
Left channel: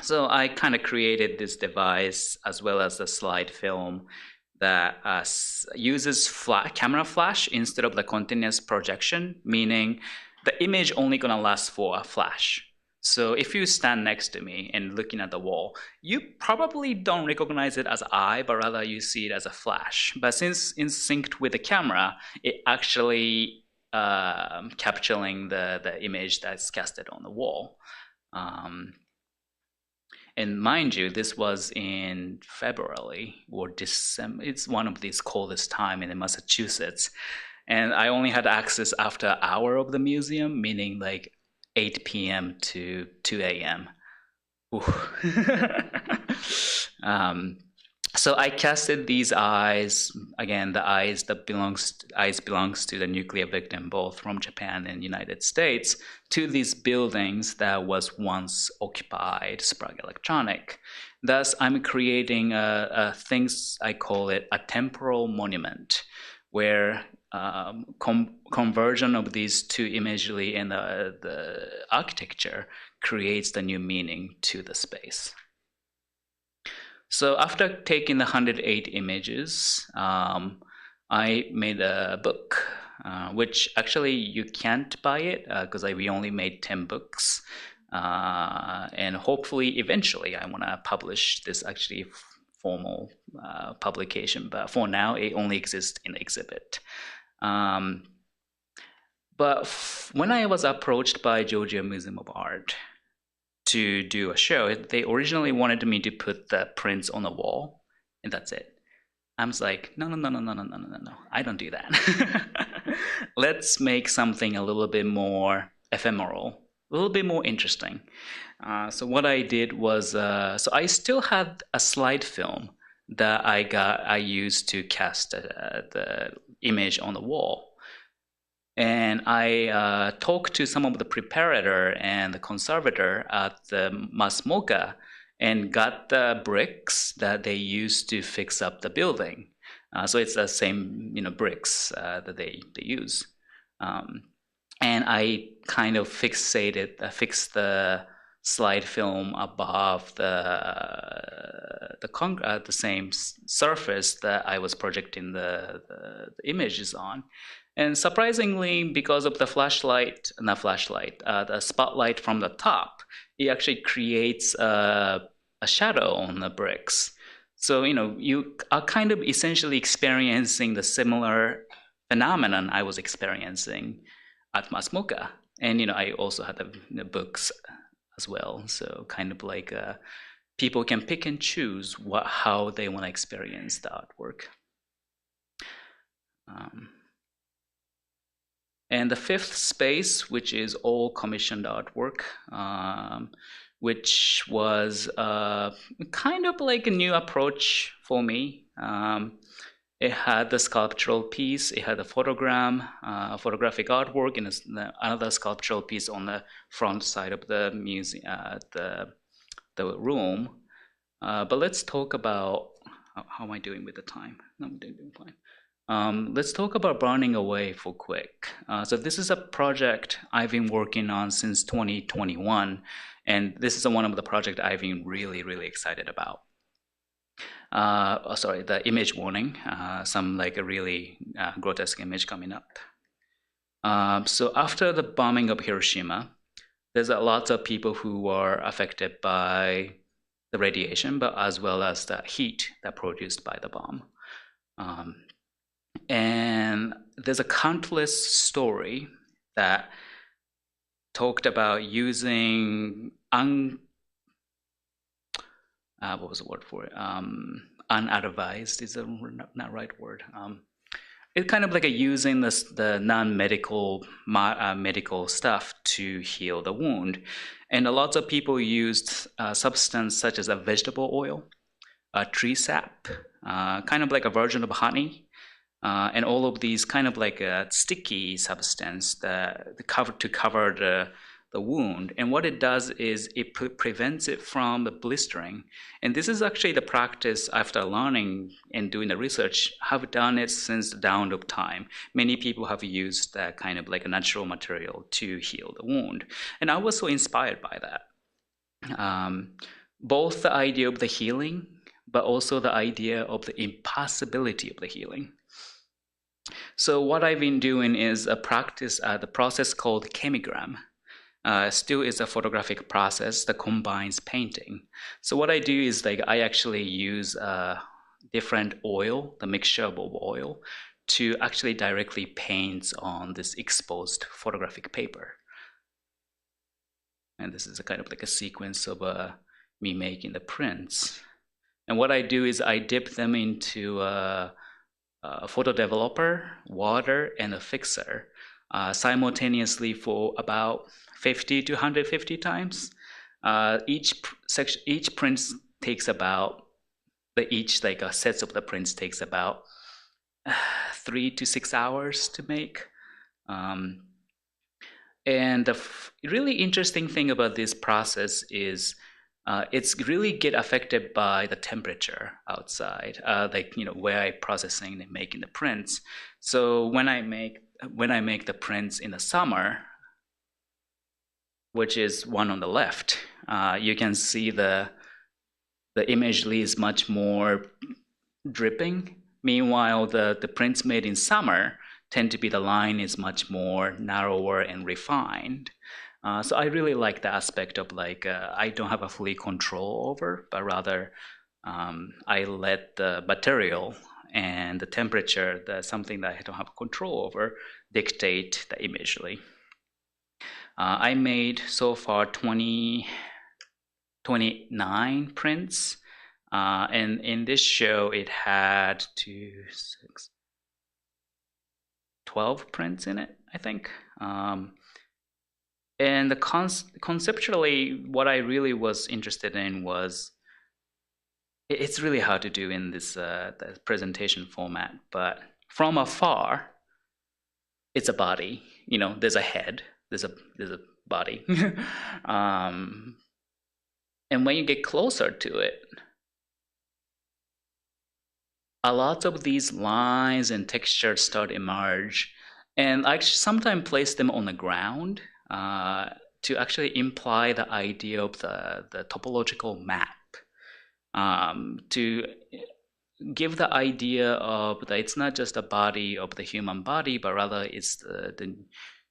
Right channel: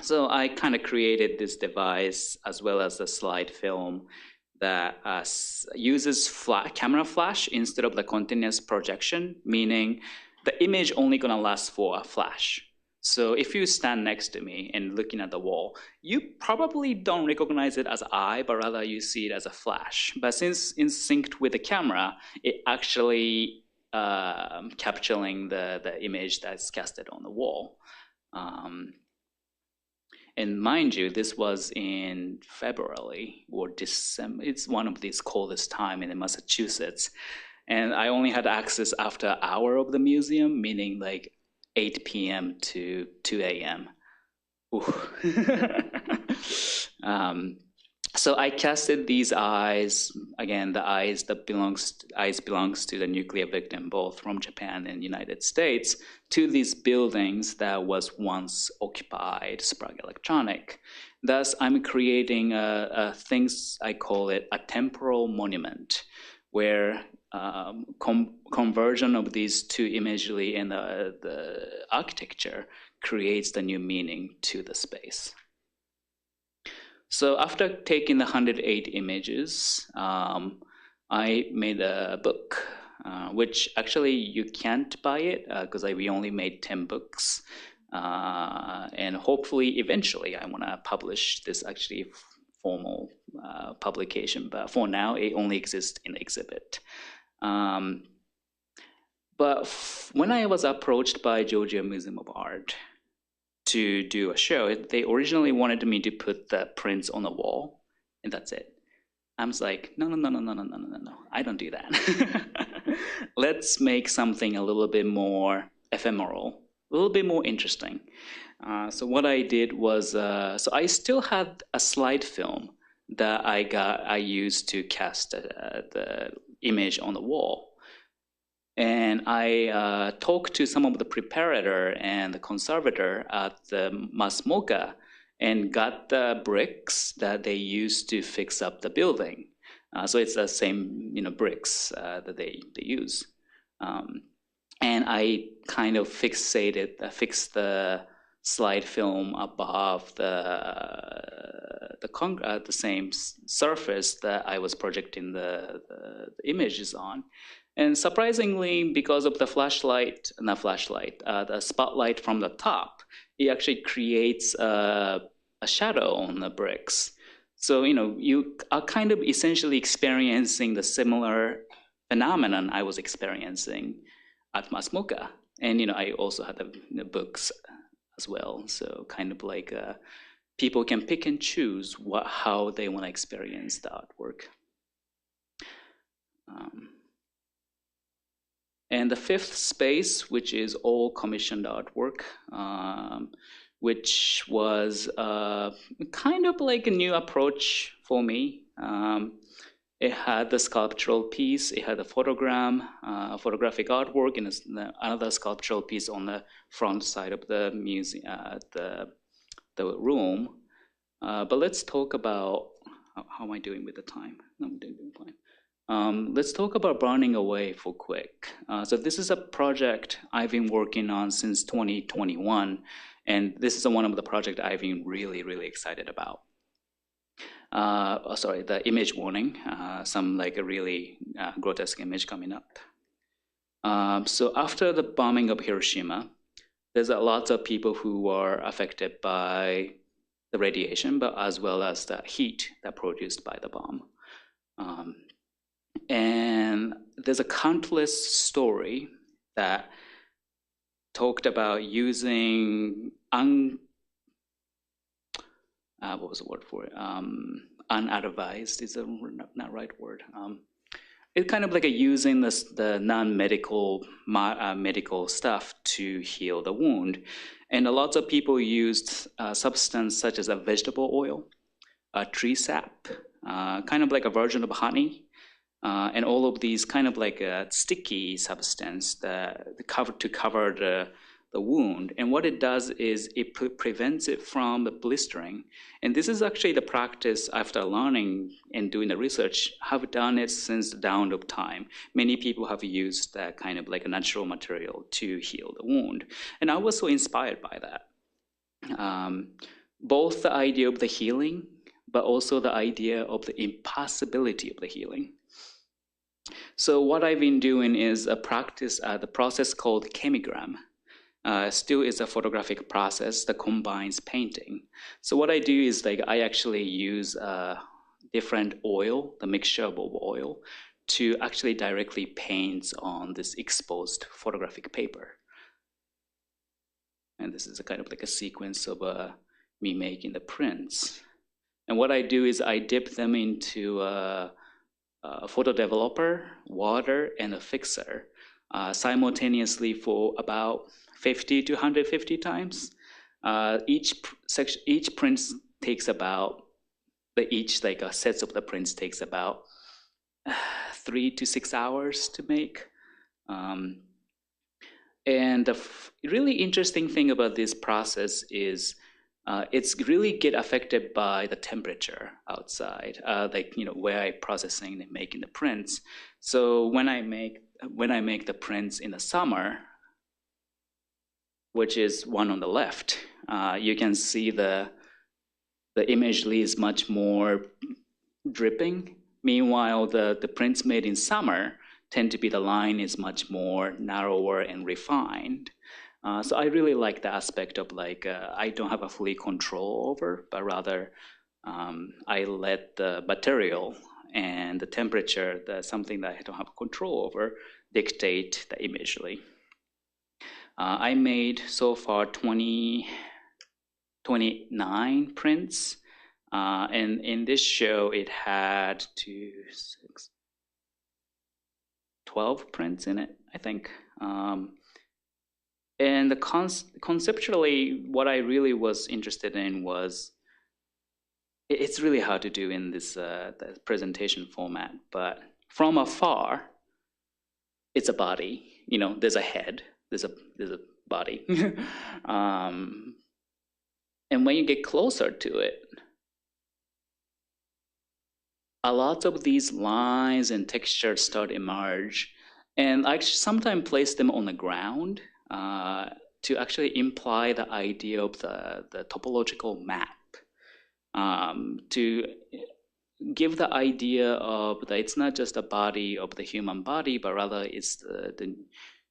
So I kind of created this device as well as a slide film that uses camera flash instead of the continuous projection, meaning the image only gonna last for a flash. So if you stand next to me and looking at the wall, you probably don't recognize it as eye, but rather you see it as a flash. But since in synced with the camera, it actually capturing the image that's casted on the wall. And mind you, this was in February or December. It's one of these coldest time in Massachusetts. And I only had access after an hour of the museum, meaning like 8 p.m. to 2 a.m. So I casted these eyes, again, the eyes belongs to the nuclear victim, both from Japan and United States, to these buildings that was once occupied Sprague Electronic. Thus, I'm creating things, I call it a temporal monument, where conversion of these two imagery and the architecture creates the new meaning to the space. So after taking the 108 images, I made a book, which actually you can't buy it because we only made 10 books. And hopefully, eventually, I want to publish this actually formal publication. But for now, it only exists in the exhibit. But when I was approached by Georgia Museum of Art to do a show, they originally wanted me to put the prints on the wall, and that's it. I was like, no, I don't do that. Let's make something a little bit more ephemeral, a little bit more interesting. So what I did was, so I still had a slide film that I used to cast the image on the wall. And I talked to some of the preparator and the conservator at the Mass Mocha and got the bricks that they used to fix up the building. So it's the same, bricks that they use. And I kind of fixed the slide film above the same surface that I was projecting the images on. And surprisingly, because of the the spotlight from the top, it actually creates a shadow on the bricks. So, you are kind of essentially experiencing the similar phenomenon I was experiencing at Mass Mocha. And, I also had the books as well. So kind of like people can pick and choose how they want to experience the artwork. And the fifth space, which is all commissioned artwork, which was kind of like a new approach for me. It had the sculptural piece, it had a photographic artwork, and another sculptural piece on the front side of the museum, the room. But let's talk about, how am I doing with the time? No, I'm doing fine. Let's talk about Burning Away for quick. So this is a project I've been working on since 2021, and this is one of the projects I've been really, really excited about. Sorry, the image warning, some like a really grotesque image coming up. So after the bombing of Hiroshima, there's a lot of people who were affected by the radiation, but as well as the heat that produced by the bomb. And there's a countless story that talked about using what was the word for it? Unadvised is not right word. It's kind of like using the non-medical medical stuff to heal the wound, and a lot of people used substance such as a vegetable oil, tree sap, kind of like a version of honey. And all of these kind of like a sticky substance that to cover the wound. And what it does is it prevents it from the blistering. And this is actually the practice after learning and doing the research, have done it since the dawn of time. Many people have used that kind of like a natural material to heal the wound. And I was so inspired by that. Both the idea of the healing, but also the idea of the impossibility of the healing. So what I've been doing is a practice, the process called chemigram. Still is a photographic process that combines painting. So what I do is like I actually use different oil, the mixture of oil, to actually directly paint on this exposed photographic paper. And this is a kind of like a sequence of me making the prints. And what I do is I dip them into a photo developer, water, and a fixer simultaneously for about 50 to 150 times. Each print takes about, each like sets of the prints takes about 3 to 6 hours to make. And the really interesting thing about this process is it's really get affected by the temperature outside, like where I processing and making the prints. So when I make the prints in the summer, which is one on the left, you can see the image is much more dripping. Meanwhile, the prints made in summer tend to be the line is much more narrower and refined. So I really like the aspect of like I don't have a fully control over, but rather I let the material and the temperature, something that I don't have control over, dictate the imagery. I made so far 29 prints, and in this show it had 12 prints in it, I think. And conceptually, what I really was interested in was, it's really hard to do in this the presentation format, but from afar, it's a body. There's a head, there's a body, and when you get closer to it, a lot of these lines and textures start to emerge, and I sometimes place them on the ground to actually imply the idea of the topological map, to give the idea of that it's not just a body of the human body, but rather it's the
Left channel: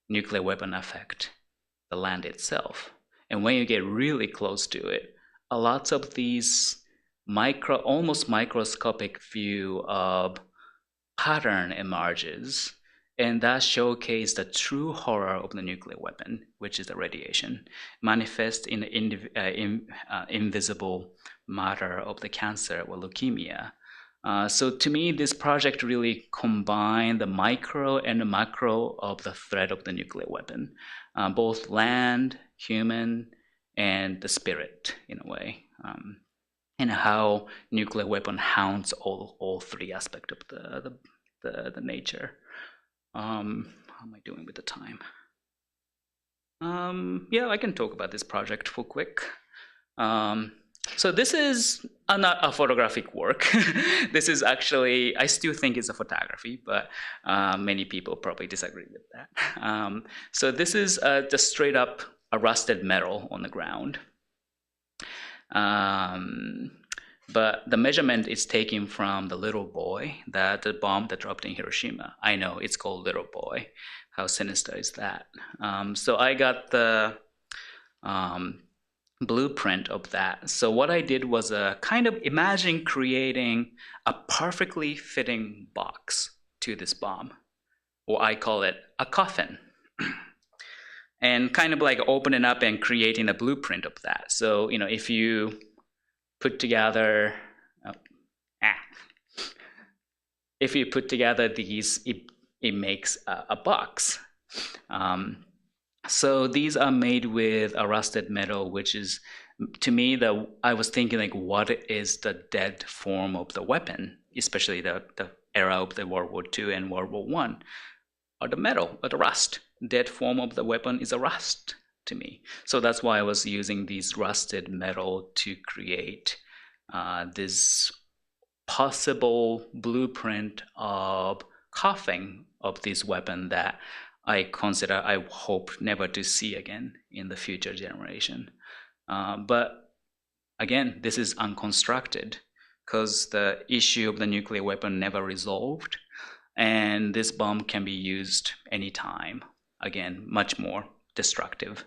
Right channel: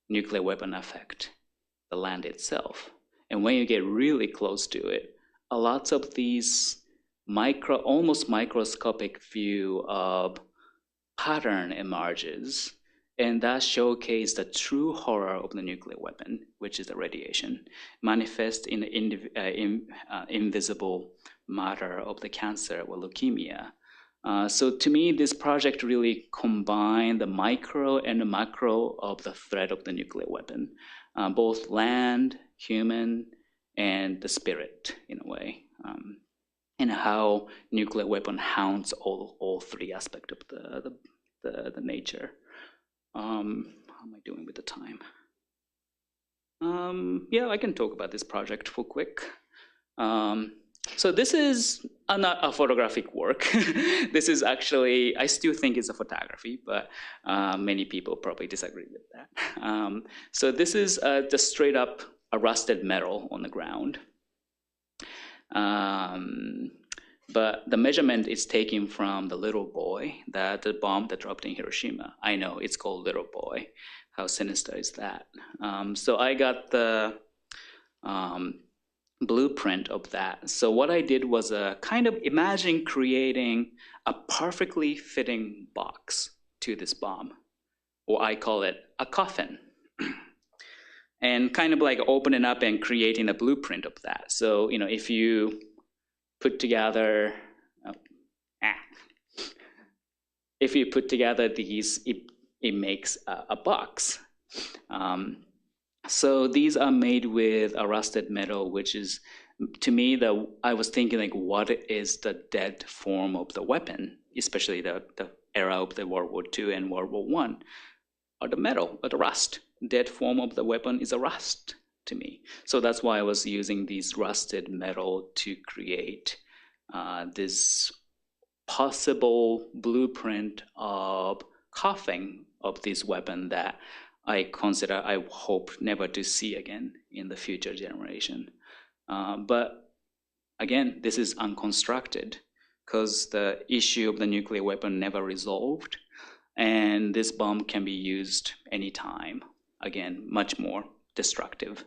nuclear weapon effect, the land itself. And when you get really close to it, a lot of these almost microscopic view of pattern emerges. And that showcased the true horror of the nuclear weapon, which is the radiation, manifest in the invisible matter of the cancer or leukemia. So to me, this project really combined the micro and the macro of the threat of the nuclear weapon, both land, human, and the spirit in a way, and how nuclear weapon haunts all three aspects of the nature. How am I doing with the time? Yeah, I can talk about this project for quick. So this is not a photographic work. This is actually, I still think it's a photography, but many people probably disagree with that. So this is just straight up a rusted metal on the ground. But the measurement is taken from the little boy, the bomb that dropped in Hiroshima. I know, it's called Little Boy. How sinister is that? So I got the blueprint of that. So what I did was kind of imagine creating a perfectly fitting box to this bomb, or I call it a coffin. And kind of like opening up and creating a blueprint of that. So, if you put together, if you put together these, it makes a box. So these are made with a rusted metal, which is, to me, I was thinking like, what is the dead form of the weapon, especially the era of the World War II and World War I, or the metal, or the rust. Dead form of the weapon is a rust. to me. So that's why I was using these rusted metal to create this possible blueprint of coughing of this weapon that I hope never to see again in the future generation. But again, this is unconstructed because the issue of the nuclear weapon never resolved, and this bomb can be used anytime. Again, much more destructive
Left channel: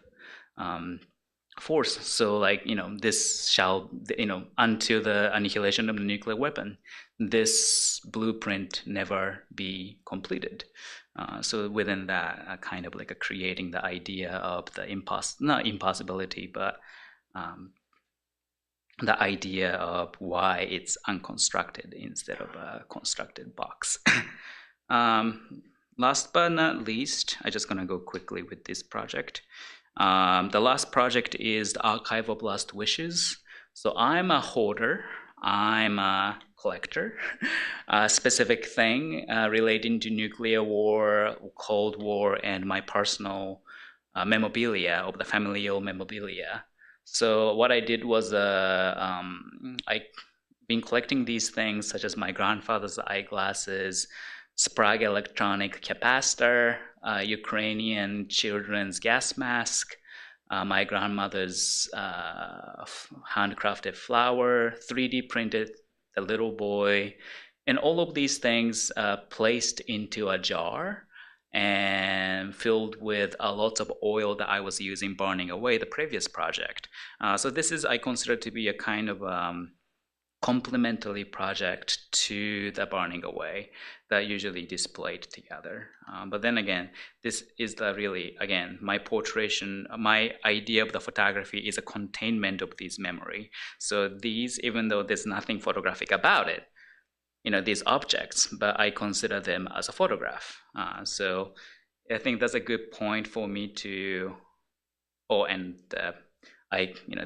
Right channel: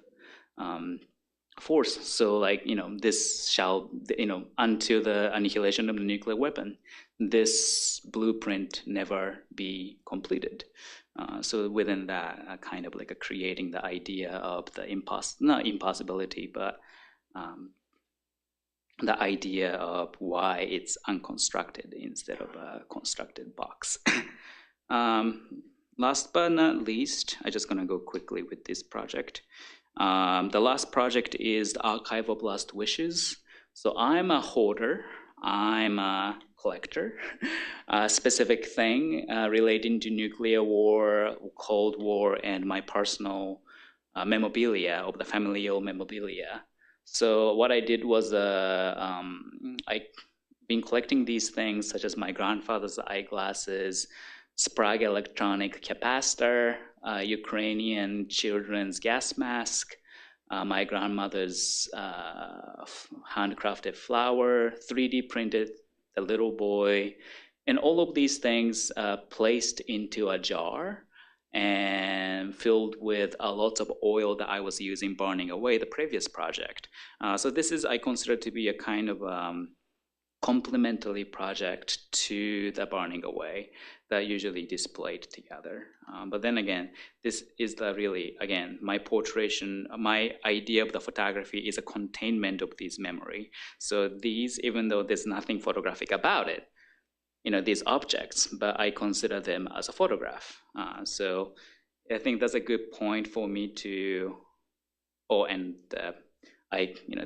force. So this shall, until the annihilation of the nuclear weapon, this blueprint never be completed. So within that, kind of like creating the idea of the not impossibility, but the idea of why it's unconstructed instead of a constructed box. Last but not least, I'm just gonna go quickly with this project. The last project is the Archive of Lost Wishes. So I'm a hoarder, I'm a collector. A specific thing relating to nuclear war, Cold War, and my personal memorabilia of the familial memorabilia. So what I did was I've been collecting these things such as my grandfather's eyeglasses, Sprague electronic capacitor, Ukrainian children's gas mask, my grandmother's handcrafted flower, 3D printed the little boy, and all of these things placed into a jar and filled with lots of oil that I was using burning away the previous project. So this is, I consider to be a kind of complementary project to the burning away that usually displayed together. But then again, this is the really, again, my portraiture, my idea of the photography is a containment of this memory. So these, even though there's nothing photographic about it, these objects, but I consider them as a photograph. So I think that's a good point for me to,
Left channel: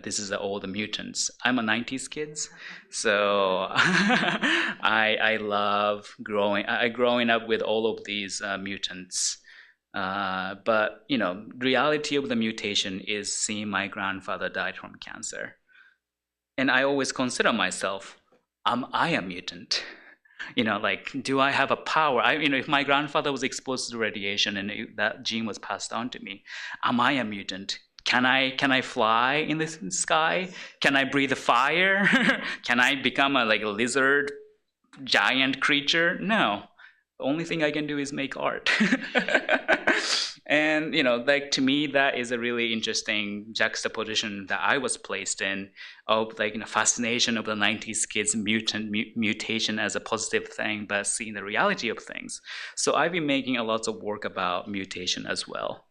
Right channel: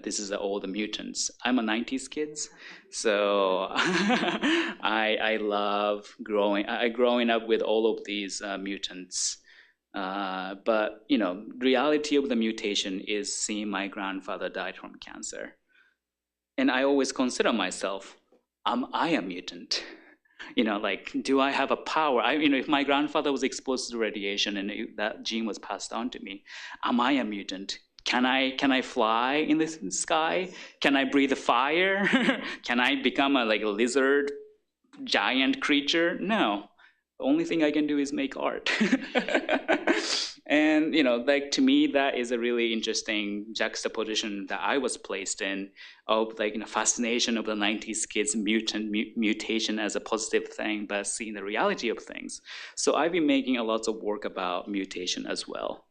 this is all the mutants. I'm a 90s kid, so I love growing up with all of these mutants. But reality of the mutation is seeing my grandfather died from cancer. And I always consider myself, am I a mutant? Do I have a power? If my grandfather was exposed to radiation and that gene was passed on to me, am I a mutant? Can I fly in the sky? Can I breathe fire? Can I become a lizard giant creature? No. The only thing I can do is make art. And to me, that is a really interesting juxtaposition that I was placed in of fascination of the 90s kids mutation as a positive thing, but seeing the reality of things. So I've been making a lot of work about mutation as well.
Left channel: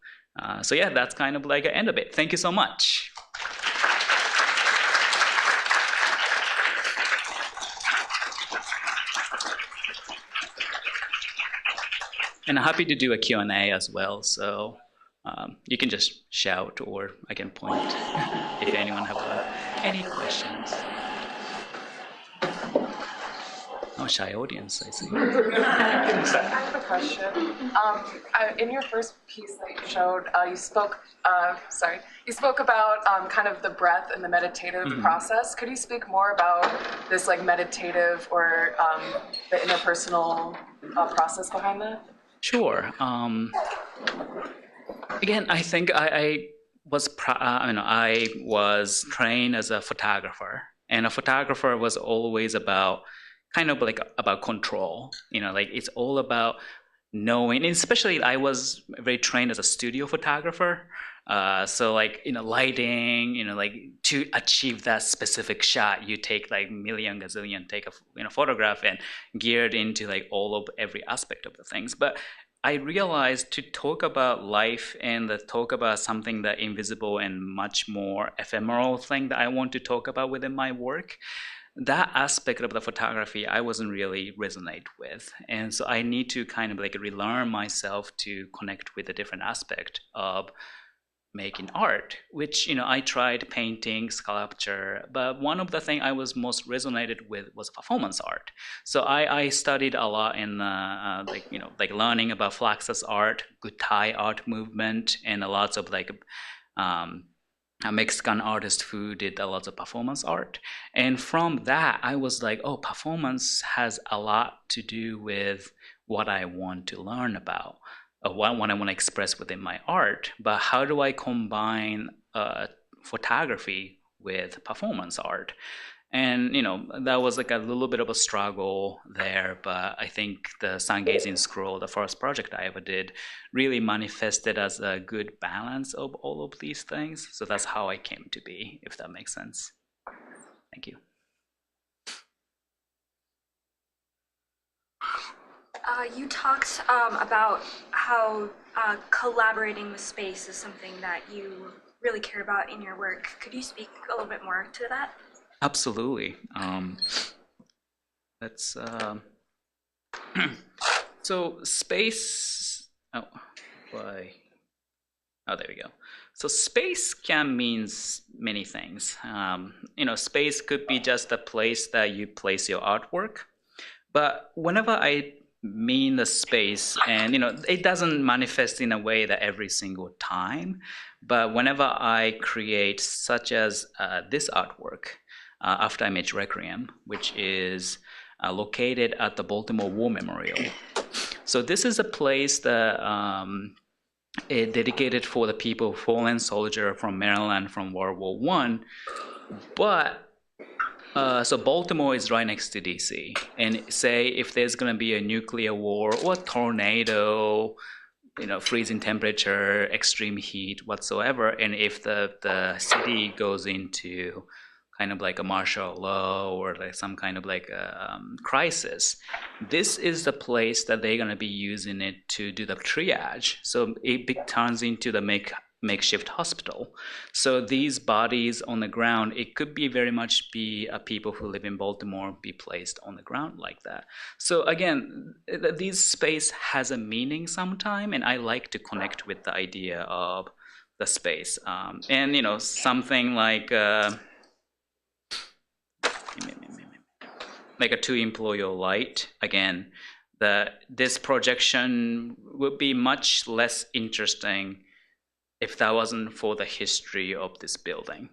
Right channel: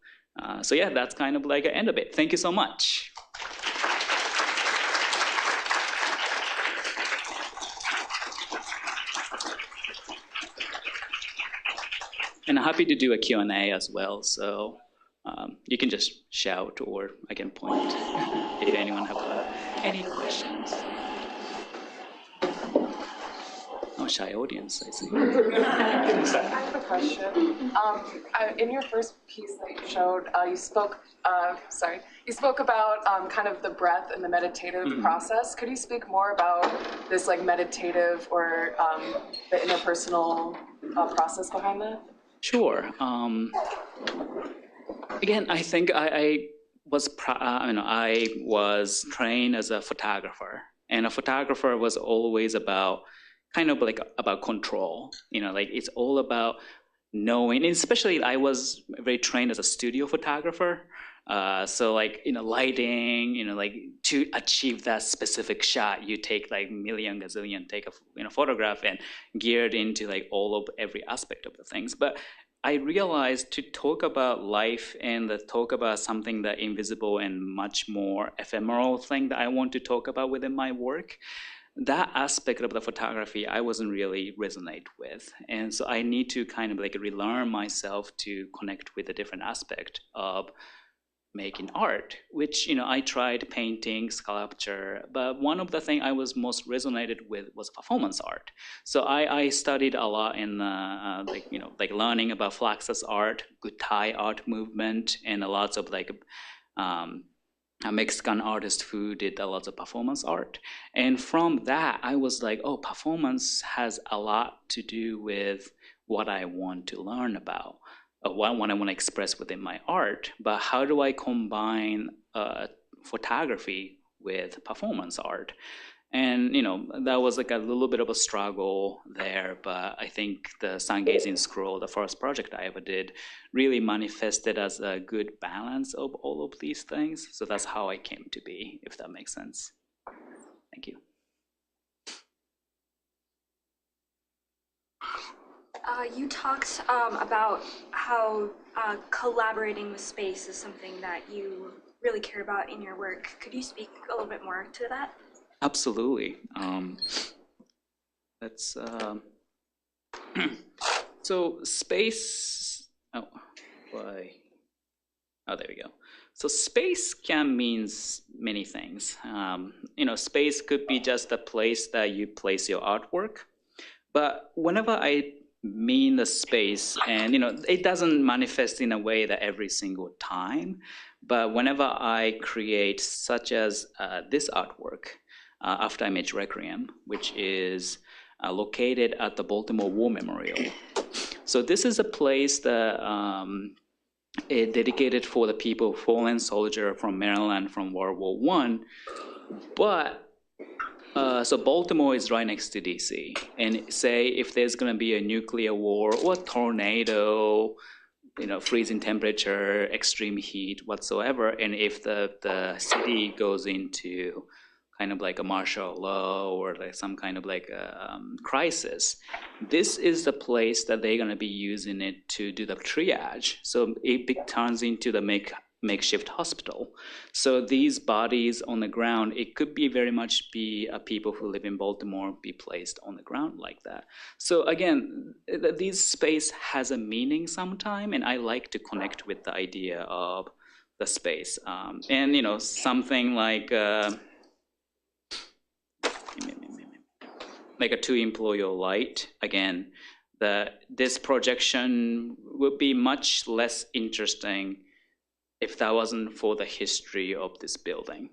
So yeah, that's kind of an end of it. Thank you so much. And I'm happy to do a Q&A as well, so you can just shout or I can point if anyone have any questions. Oh, shy audience, I see. I have a question. In your first piece that you showed, you spoke about kind of the breath and the meditative process. Could you speak more about this meditative or the interpersonal process behind that? Sure. Again, I think I was trained as a photographer, and a photographer was always about about control. It's all about knowing, and especially I was very trained as a studio photographer. So lighting, to achieve that specific shot, you take million gazillion take a photograph and geared into every aspect of the things. But I realized to talk about life and talk about something that invisible and much more ephemeral thing that I want to talk about within my work, that aspect of the photography I wasn't really resonate with. And so I need to kind of relearn myself to connect with a different aspect of making art, which I tried painting, sculpture, but one of the things I was most resonated with was performance art. So I studied a lot in learning about Fluxus art, good Thai art movement, and lots of a Mexican artist who did a lot of performance art. And from that, I was like, oh, performance has a lot to do with what I want to learn about, what I want to express within my art. But how do I combine photography with performance art? And that was like a little bit of a struggle there, but I think the Sun Gazing Scroll, the first project I ever did, really manifested as a good balance of all of these things. So that's how I came to be, if that makes sense. Thank you. You talked about how collaborating with space is something that you really care about in your work. Could you speak a little bit more to that? Absolutely. Let's so space. Oh, why? Oh, there we go. So space can mean many things. Space could be just a place that you place your artwork. But whenever I mean the space, and it doesn't manifest in a way that every single time. But whenever I create, such as this artwork, After Image Requiem, which is located at the Baltimore War Memorial. So this is a place that is dedicated for the people, fallen soldier from Maryland from World War I. But so Baltimore is right next to DC, and say if there's going to be a nuclear war or a tornado, freezing temperature, extreme heat, whatsoever, and if the city goes into kind of like a martial law or like some kind of like a crisis, this is the place that they're going to be using it to do the triage. So it turns into the makeshift hospital. So these bodies on the ground, it could be very much be people who live in Baltimore be placed on the ground like that. So again, this space has a meaning sometime, and I like to connect with the idea of the space. And something like a two-employer light. Again, this projection would be much less interesting if that wasn't for the history of this building.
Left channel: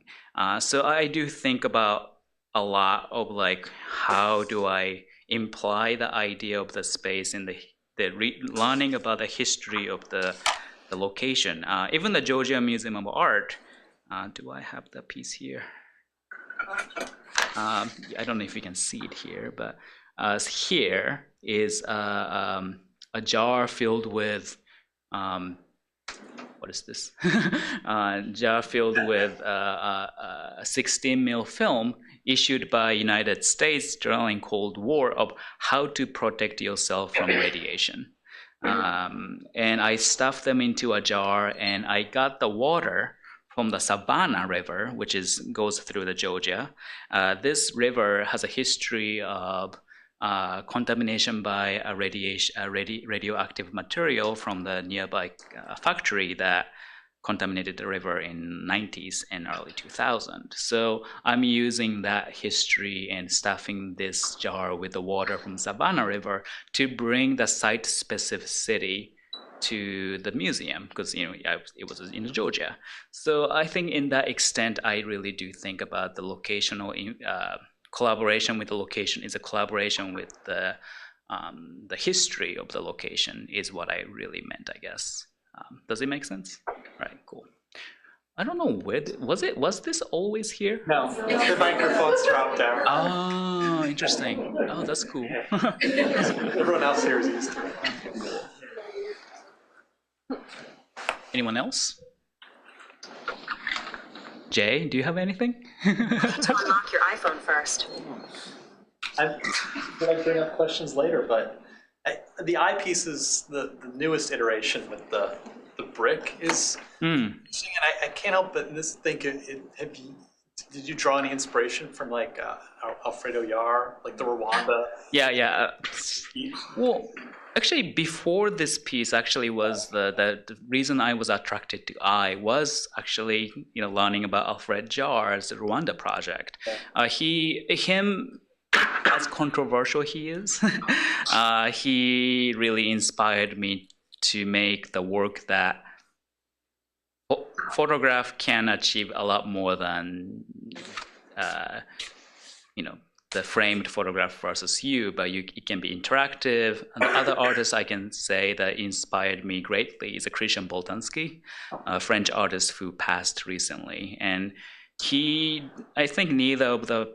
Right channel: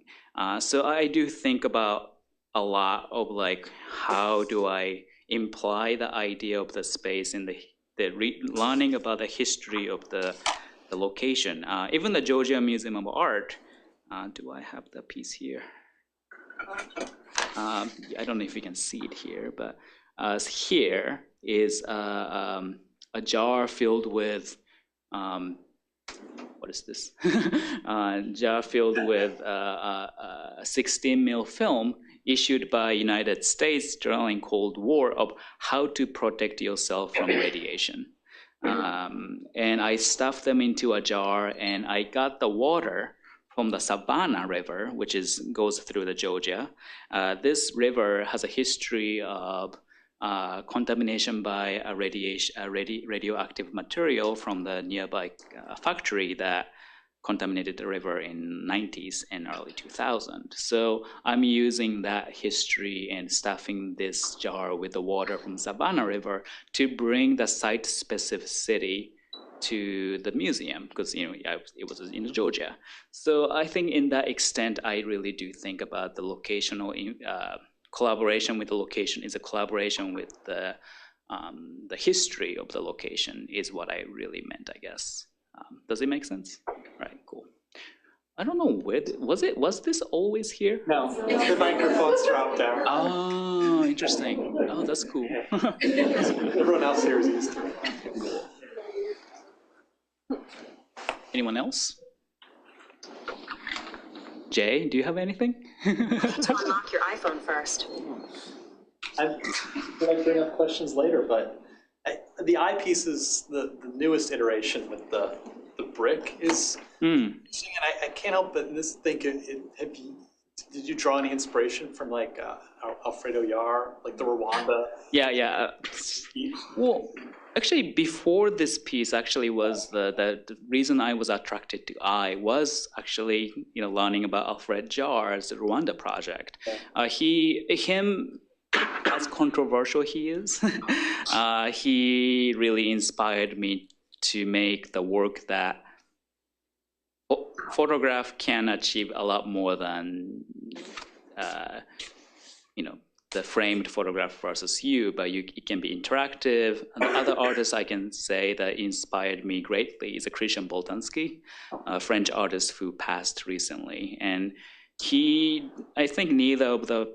So I do think about a lot of like, how do I imply the idea of the space in learning about the history of the location. Even the Georgia Museum of Art, do I have the piece here? I don't know if you can see it here, but here is a jar filled with what is this? Jar filled with a 16 mil film issued by United States during Cold War of how to protect yourself from radiation. And I stuffed them into a jar, and I got the water from the Savannah River, which goes through the Georgia. This river has a history of contamination by a radioactive material from the nearby factory that contaminated the river in 90s and early 2000. So I'm using that history and stuffing this jar with the water from Savannah River to bring the site specificity to the museum, because it was in Georgia. So I think in that extent, I really do think about the locational collaboration with the location is a collaboration with the history of the location is what I really meant, I guess. Does it make sense? Right, cool. I don't know where was this always here? No, the microphone's dropped down. Oh, interesting. Oh, that's cool. Everyone else here is used to it. Cool. Anyone else? Jay, do you have anything? To unlock your iPhone first. I feel like bring up questions later, but the eyepiece is the newest iteration with the brick is interesting, and I can't help but think, did you draw any inspiration from like Alfredo Yar, like the Rwanda? Yeah. Well, actually, before this piece, actually was the reason I was attracted to eye was actually learning about Alfred Jar's Rwanda project. Him, as controversial he is, he really inspired me to make the work that photograph can achieve a lot more than, the framed photograph versus you, but it can be interactive. And the other artist I can say that inspired me greatly is a Christian Boltanski, a French artist who passed recently. And I think neither of the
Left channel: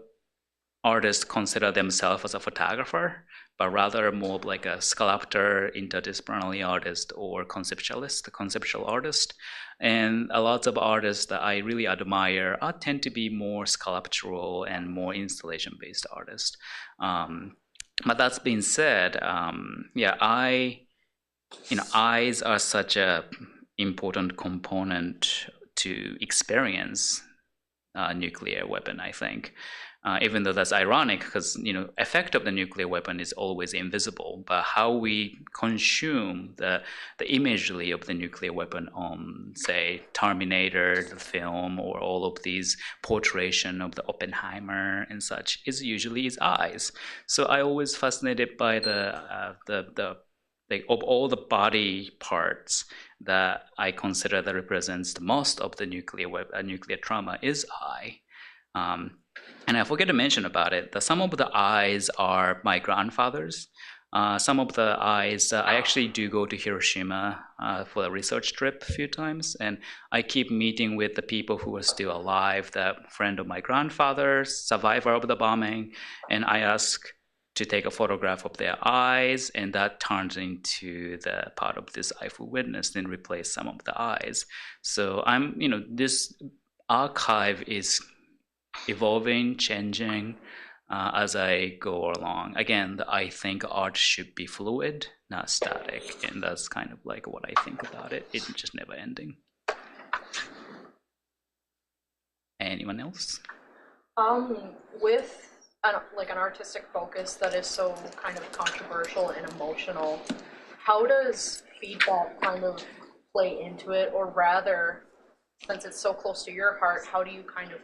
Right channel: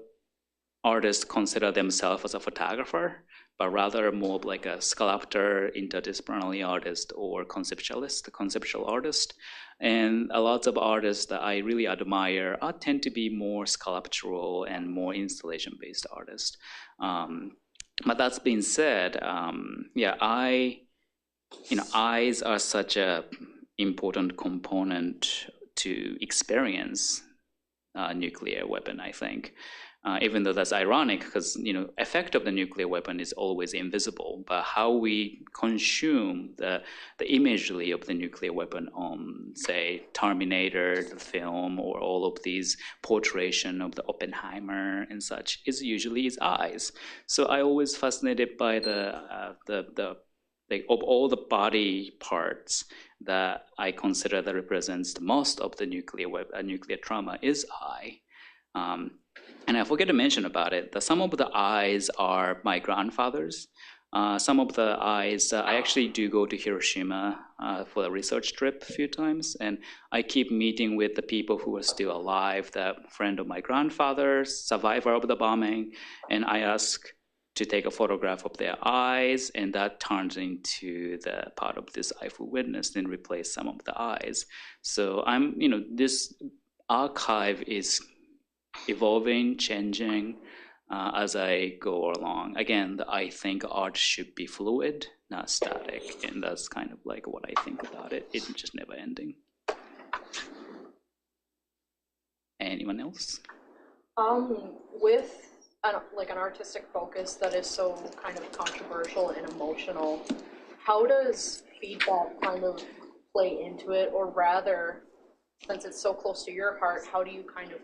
artists consider themselves as a photographer, but rather more like a sculptor, interdisciplinary artist, or conceptual artist. And a lot of artists that I really admire tend to be more sculptural and more installation-based artists. But that's being said, eyes are such a important component to experience nuclear weapon, I think. Even though that's ironic, because effect of the nuclear weapon is always invisible, but how we consume the imagery of the nuclear weapon on, say, Terminator, the film, or all of these portrayal of the Oppenheimer and such is usually its eyes. So I always fascinated by of all the body parts that I consider that represents the most of the nuclear trauma is eye. And I forget to mention about it that some of the eyes are my grandfather's. Some of the eyes, I actually do go to Hiroshima for a research trip a few times, and I keep meeting with the people who are still alive, the friend of my grandfather, survivor of the bombing, and I ask to take a photograph of their eyes, and that turns into the part of this eyeful witness, then replace some of the eyes. So this archive is evolving, changing as I go along. Again, I think art should be fluid, not static, and that's kind of like what I think about it. It's just never ending. Anyone else? With an artistic focus that is so kind of controversial and emotional, how does feedback kind of play into it, or rather, since it's so close to your heart, how do you kind of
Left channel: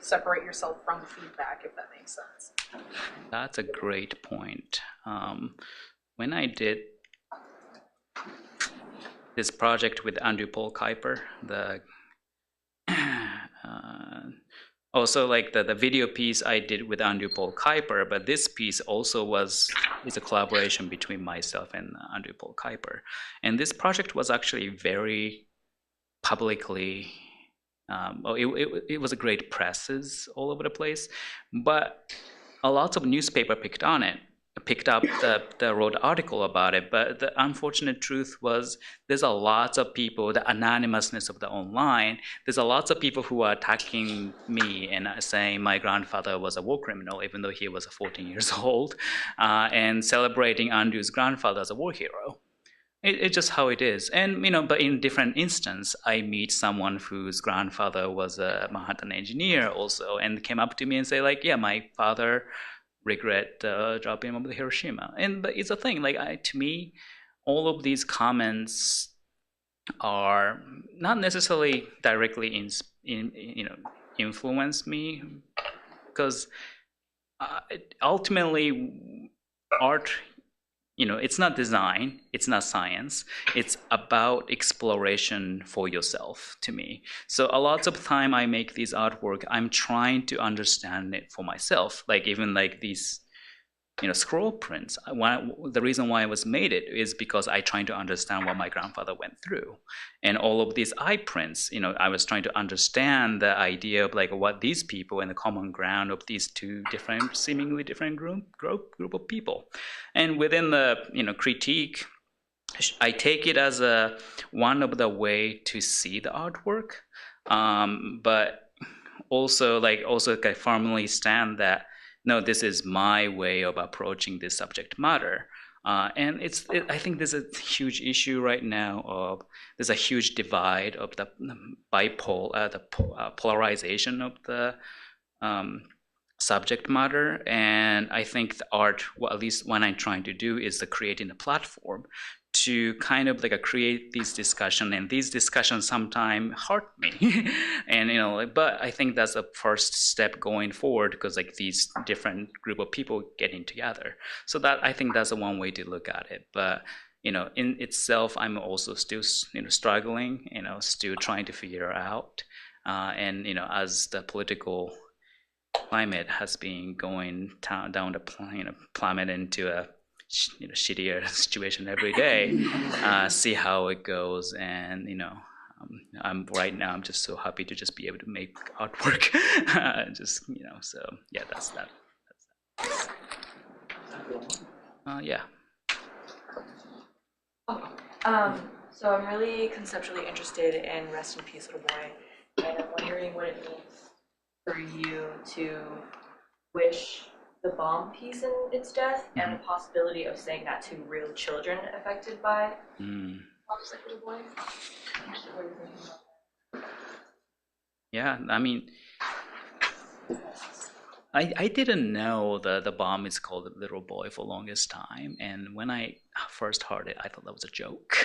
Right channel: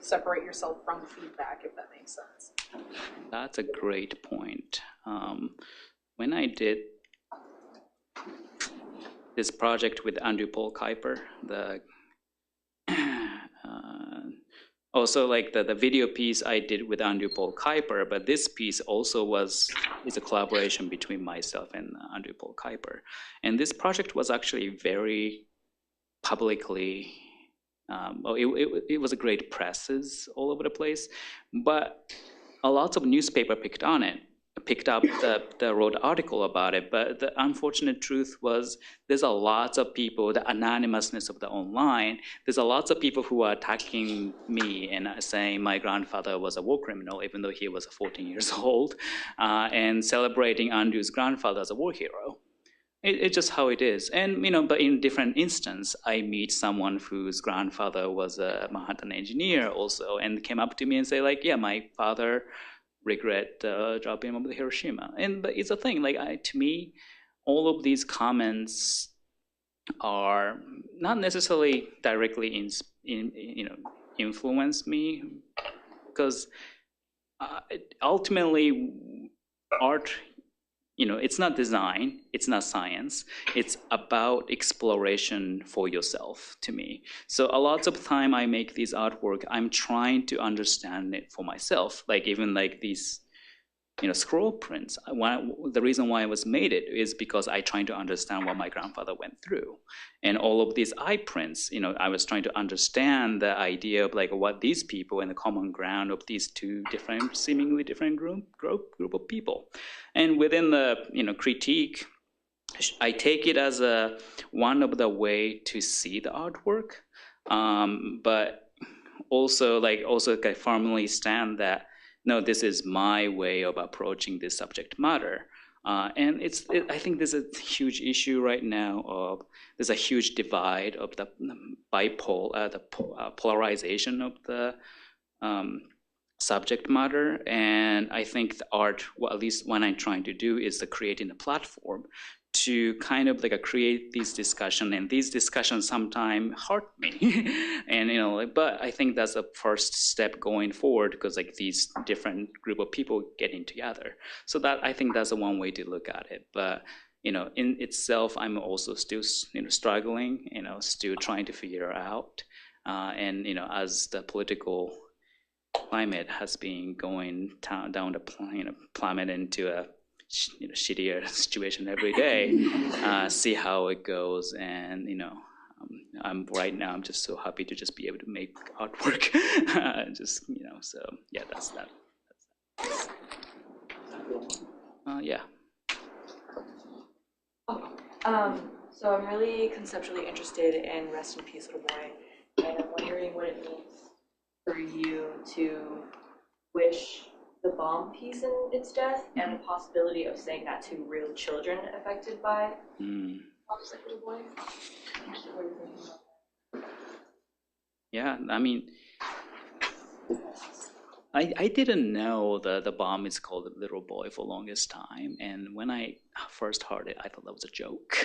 separate yourself from feedback, if that makes sense? That's a great point. When I did this project with Andrew Paul Kuiper, also like the video piece I did with Andrew Paul Kuiper, but this piece also is a collaboration between myself and Andrew Paul Kuiper. And this project was actually very publicly, it was a great presses all over the place, but a lot of newspaper picked up the wrote article about it. But the unfortunate truth was there's a lot of people, the anonymousness of the online, there's a lot of people who are attacking me and saying my grandfather was a war criminal, even though he was 14 years old, and celebrating Andrew's grandfather as a war hero. It's just how it is. And, but in different instance, I meet someone whose grandfather was a Manhattan engineer also, and came up to me and say like, yeah, my father regret dropping him of the Hiroshima. But it's a thing, to me, all of these comments are not necessarily directly influence me, because ultimately art, it's not design, it's not science, it's about exploration for yourself to me. So a lot of time I make these artwork, I'm trying to understand it for myself. Even these, scroll prints. The reason why I was made it is because I trying to understand what my grandfather went through. And all of these eye prints, I was trying to understand the idea of what these people and the common ground of these two seemingly different group of people. And within the critique, I take it as one of the way to see the artwork, but also I firmly stand that no, this is my way of approaching this subject matter. And I think there's a huge issue right now there's a huge divide of the polarization of the subject matter. And I think the art, at least what I'm trying to do, is creating a platform to kind of create these discussions, and these discussions sometimes hurt me. And but I think that's the first step going forward, because these different group of people getting together. So that I think that's the one way to look at it. But in itself, I'm also still struggling, still trying to figure out. And as the political climate has been going down the plummet into a shittier situation every day, see how it goes. And I'm just so happy to just be able to make artwork. So yeah, that's that. Yeah. So I'm really conceptually interested in Rest in Peace, Little Boy, and I'm wondering what it means for you to wish the bomb piece in its death and the possibility of saying that to real children affected by bombs like Little Boy. What are you thinking about that? Yeah, I mean, I didn't know the bomb is called Little Boy for the longest time, and when I first heard it, I thought that was a joke.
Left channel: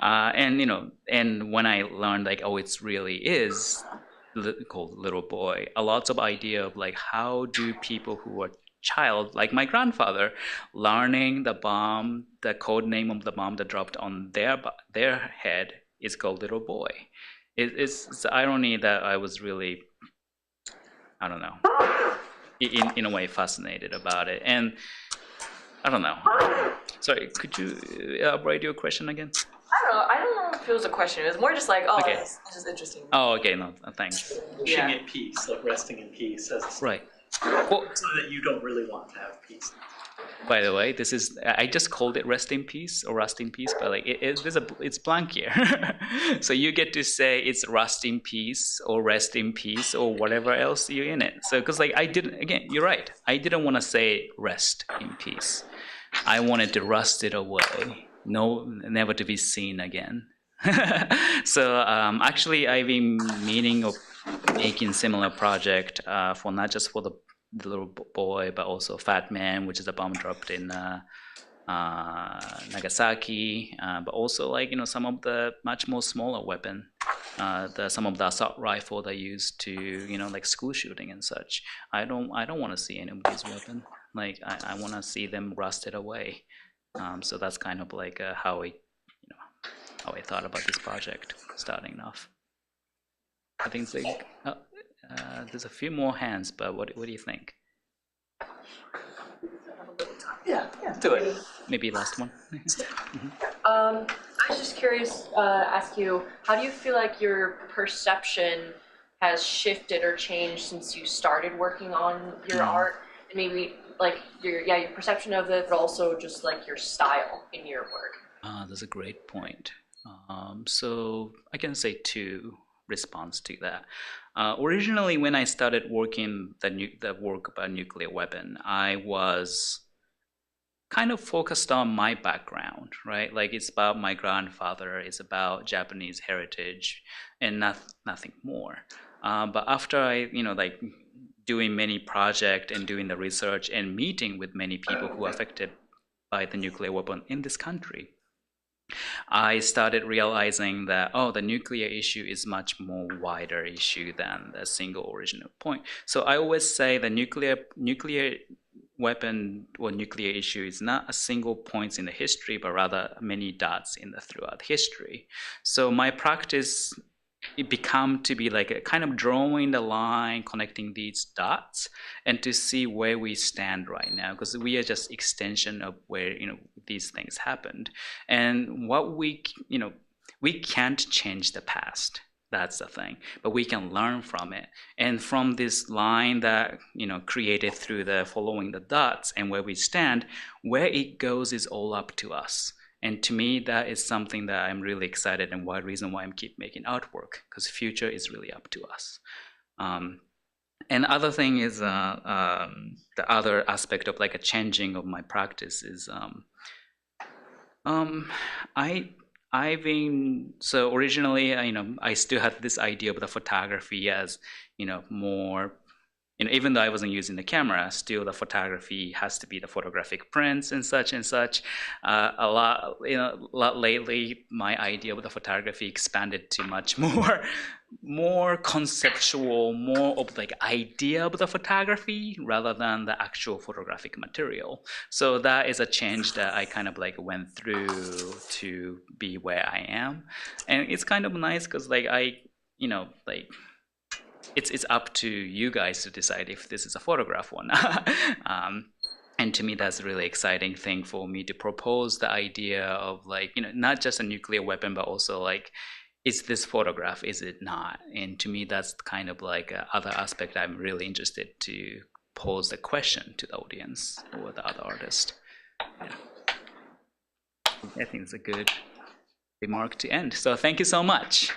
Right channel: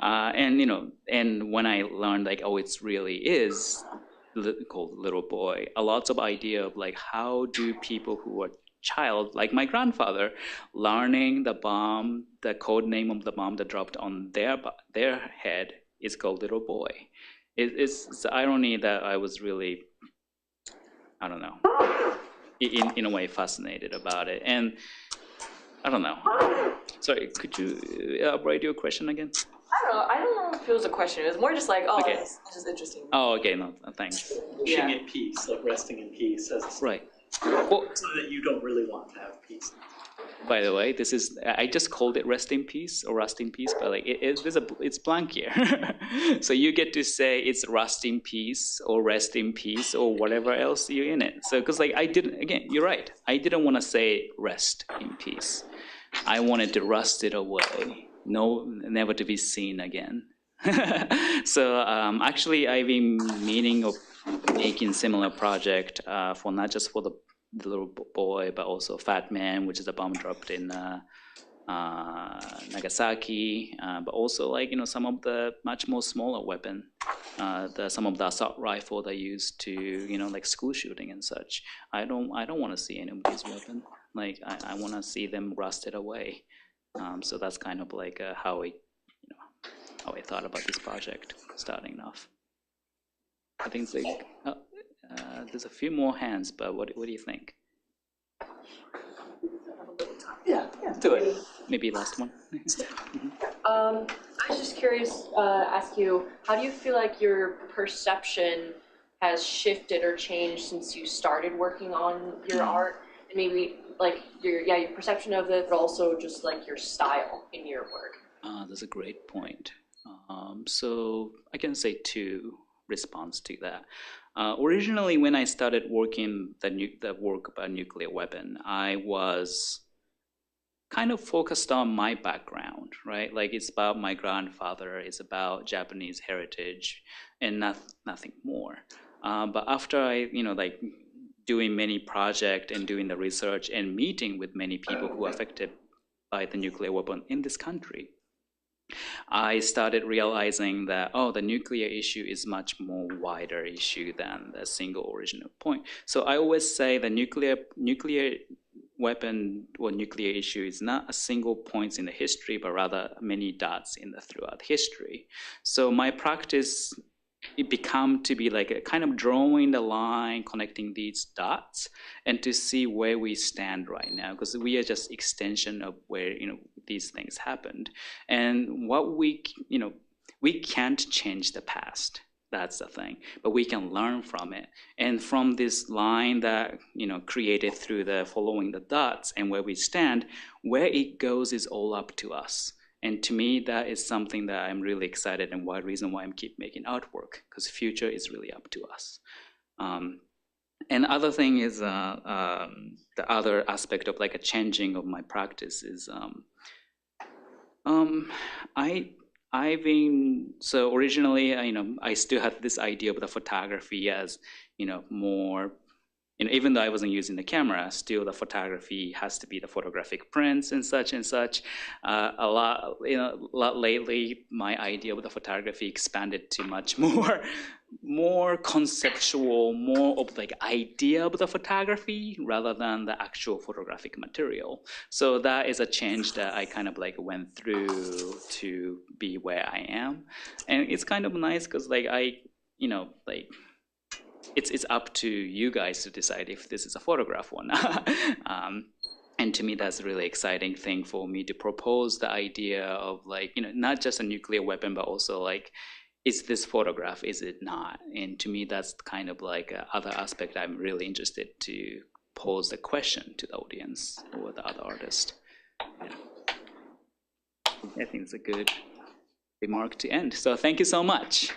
And when I learned it really is called Little Boy, a lot of idea of how do people who are child, like my grandfather, learning the bomb, the code name of the bomb that dropped on their head is called Little Boy. It's the irony that I was really, I don't know, in a way fascinated about it. And I don't know. Sorry, could you elaborate your question again? I don't know if it was a question. It was more just Okay. This is interesting. Oh, okay, no, thanks. Wishing it peace, resting in peace, Right. Well, so that you don't really want to have peace. by the way, I just called it Rest in Peace or Rust in Peace, but it's blank here. So you get to say it's Rust in Peace or Rest in Peace or whatever else you're in it. So because you're right. I didn't want to say rest in peace. I wanted to rust it away. No, never to be seen again. So actually, I've been meaning of making similar project for not just for the Little Boy, but also Fat Man, which is a bomb dropped in Nagasaki, but also some of the much more smaller weapon, some of the assault rifle they used to school shooting and such. I don't want to see any of these weapons. I want to see them rusted away. So that's kind of how I thought about this project starting off. I think there's a few more hands, but what do you think? Yeah, do it. Maybe last one. I was just curious, ask you, how do you feel like your perception has shifted or changed since you started working on your art? And maybe your perception of it, but also just your style in your work. That's a great point. So I can say two response to that. Originally, when I started working the work about nuclear weapon, I was kind of focused on my background, right? It's about my grandfather, it's about Japanese heritage, and nothing more. But after I, doing many projects and doing the research and meeting with many people who are affected by the nuclear weapon in this country, I started realizing that the nuclear issue is much more wider issue than the single original point. So I always say the nuclear weapon or nuclear issue is not a single point in the history, but rather many dots throughout history. So my practice, it become to be a kind of drawing the line, connecting these dots, and to see where we stand right now, because we are just extension of where these things happened, and what we can't change the past. That's the thing, but we can learn from it, and from this line that created through the following the dots and where we stand, where it goes is all up to us. And to me, that is something that I'm really excited, and reason why I keep making artwork, because the future is really up to us. And other thing is the other aspect of a changing of my practice is I've been, so originally I still had this idea of the photography as more. Even though I wasn't using the camera, still the photography has to be the photographic prints and such and such. A lot lately, my idea of the photography expanded to much more more conceptual, more of like idea of the photography rather than the actual photographic material. So that is a change that I kind of like went through to be where I am. And it's kind of nice because like it's up to you guys to decide if this is a photograph or not. And to me, that's a really exciting thing for me to propose the idea of like, not just a nuclear weapon, but also like, is this photograph, is it not? And to me, that's kind of like other aspect I'm really interested to pose the question to the audience or the other artist. Yeah. I think it's a good remark to end. So thank you so much.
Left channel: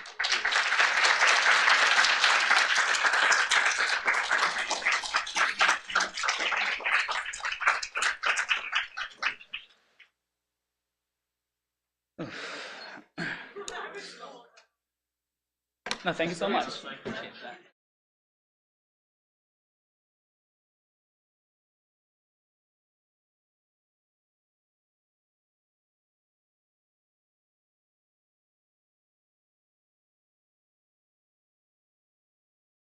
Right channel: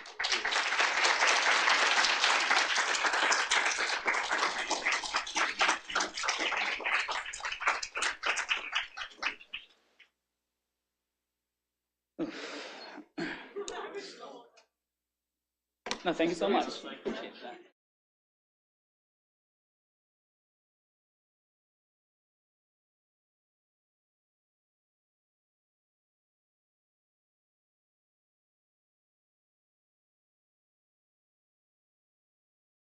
No, thank you so much.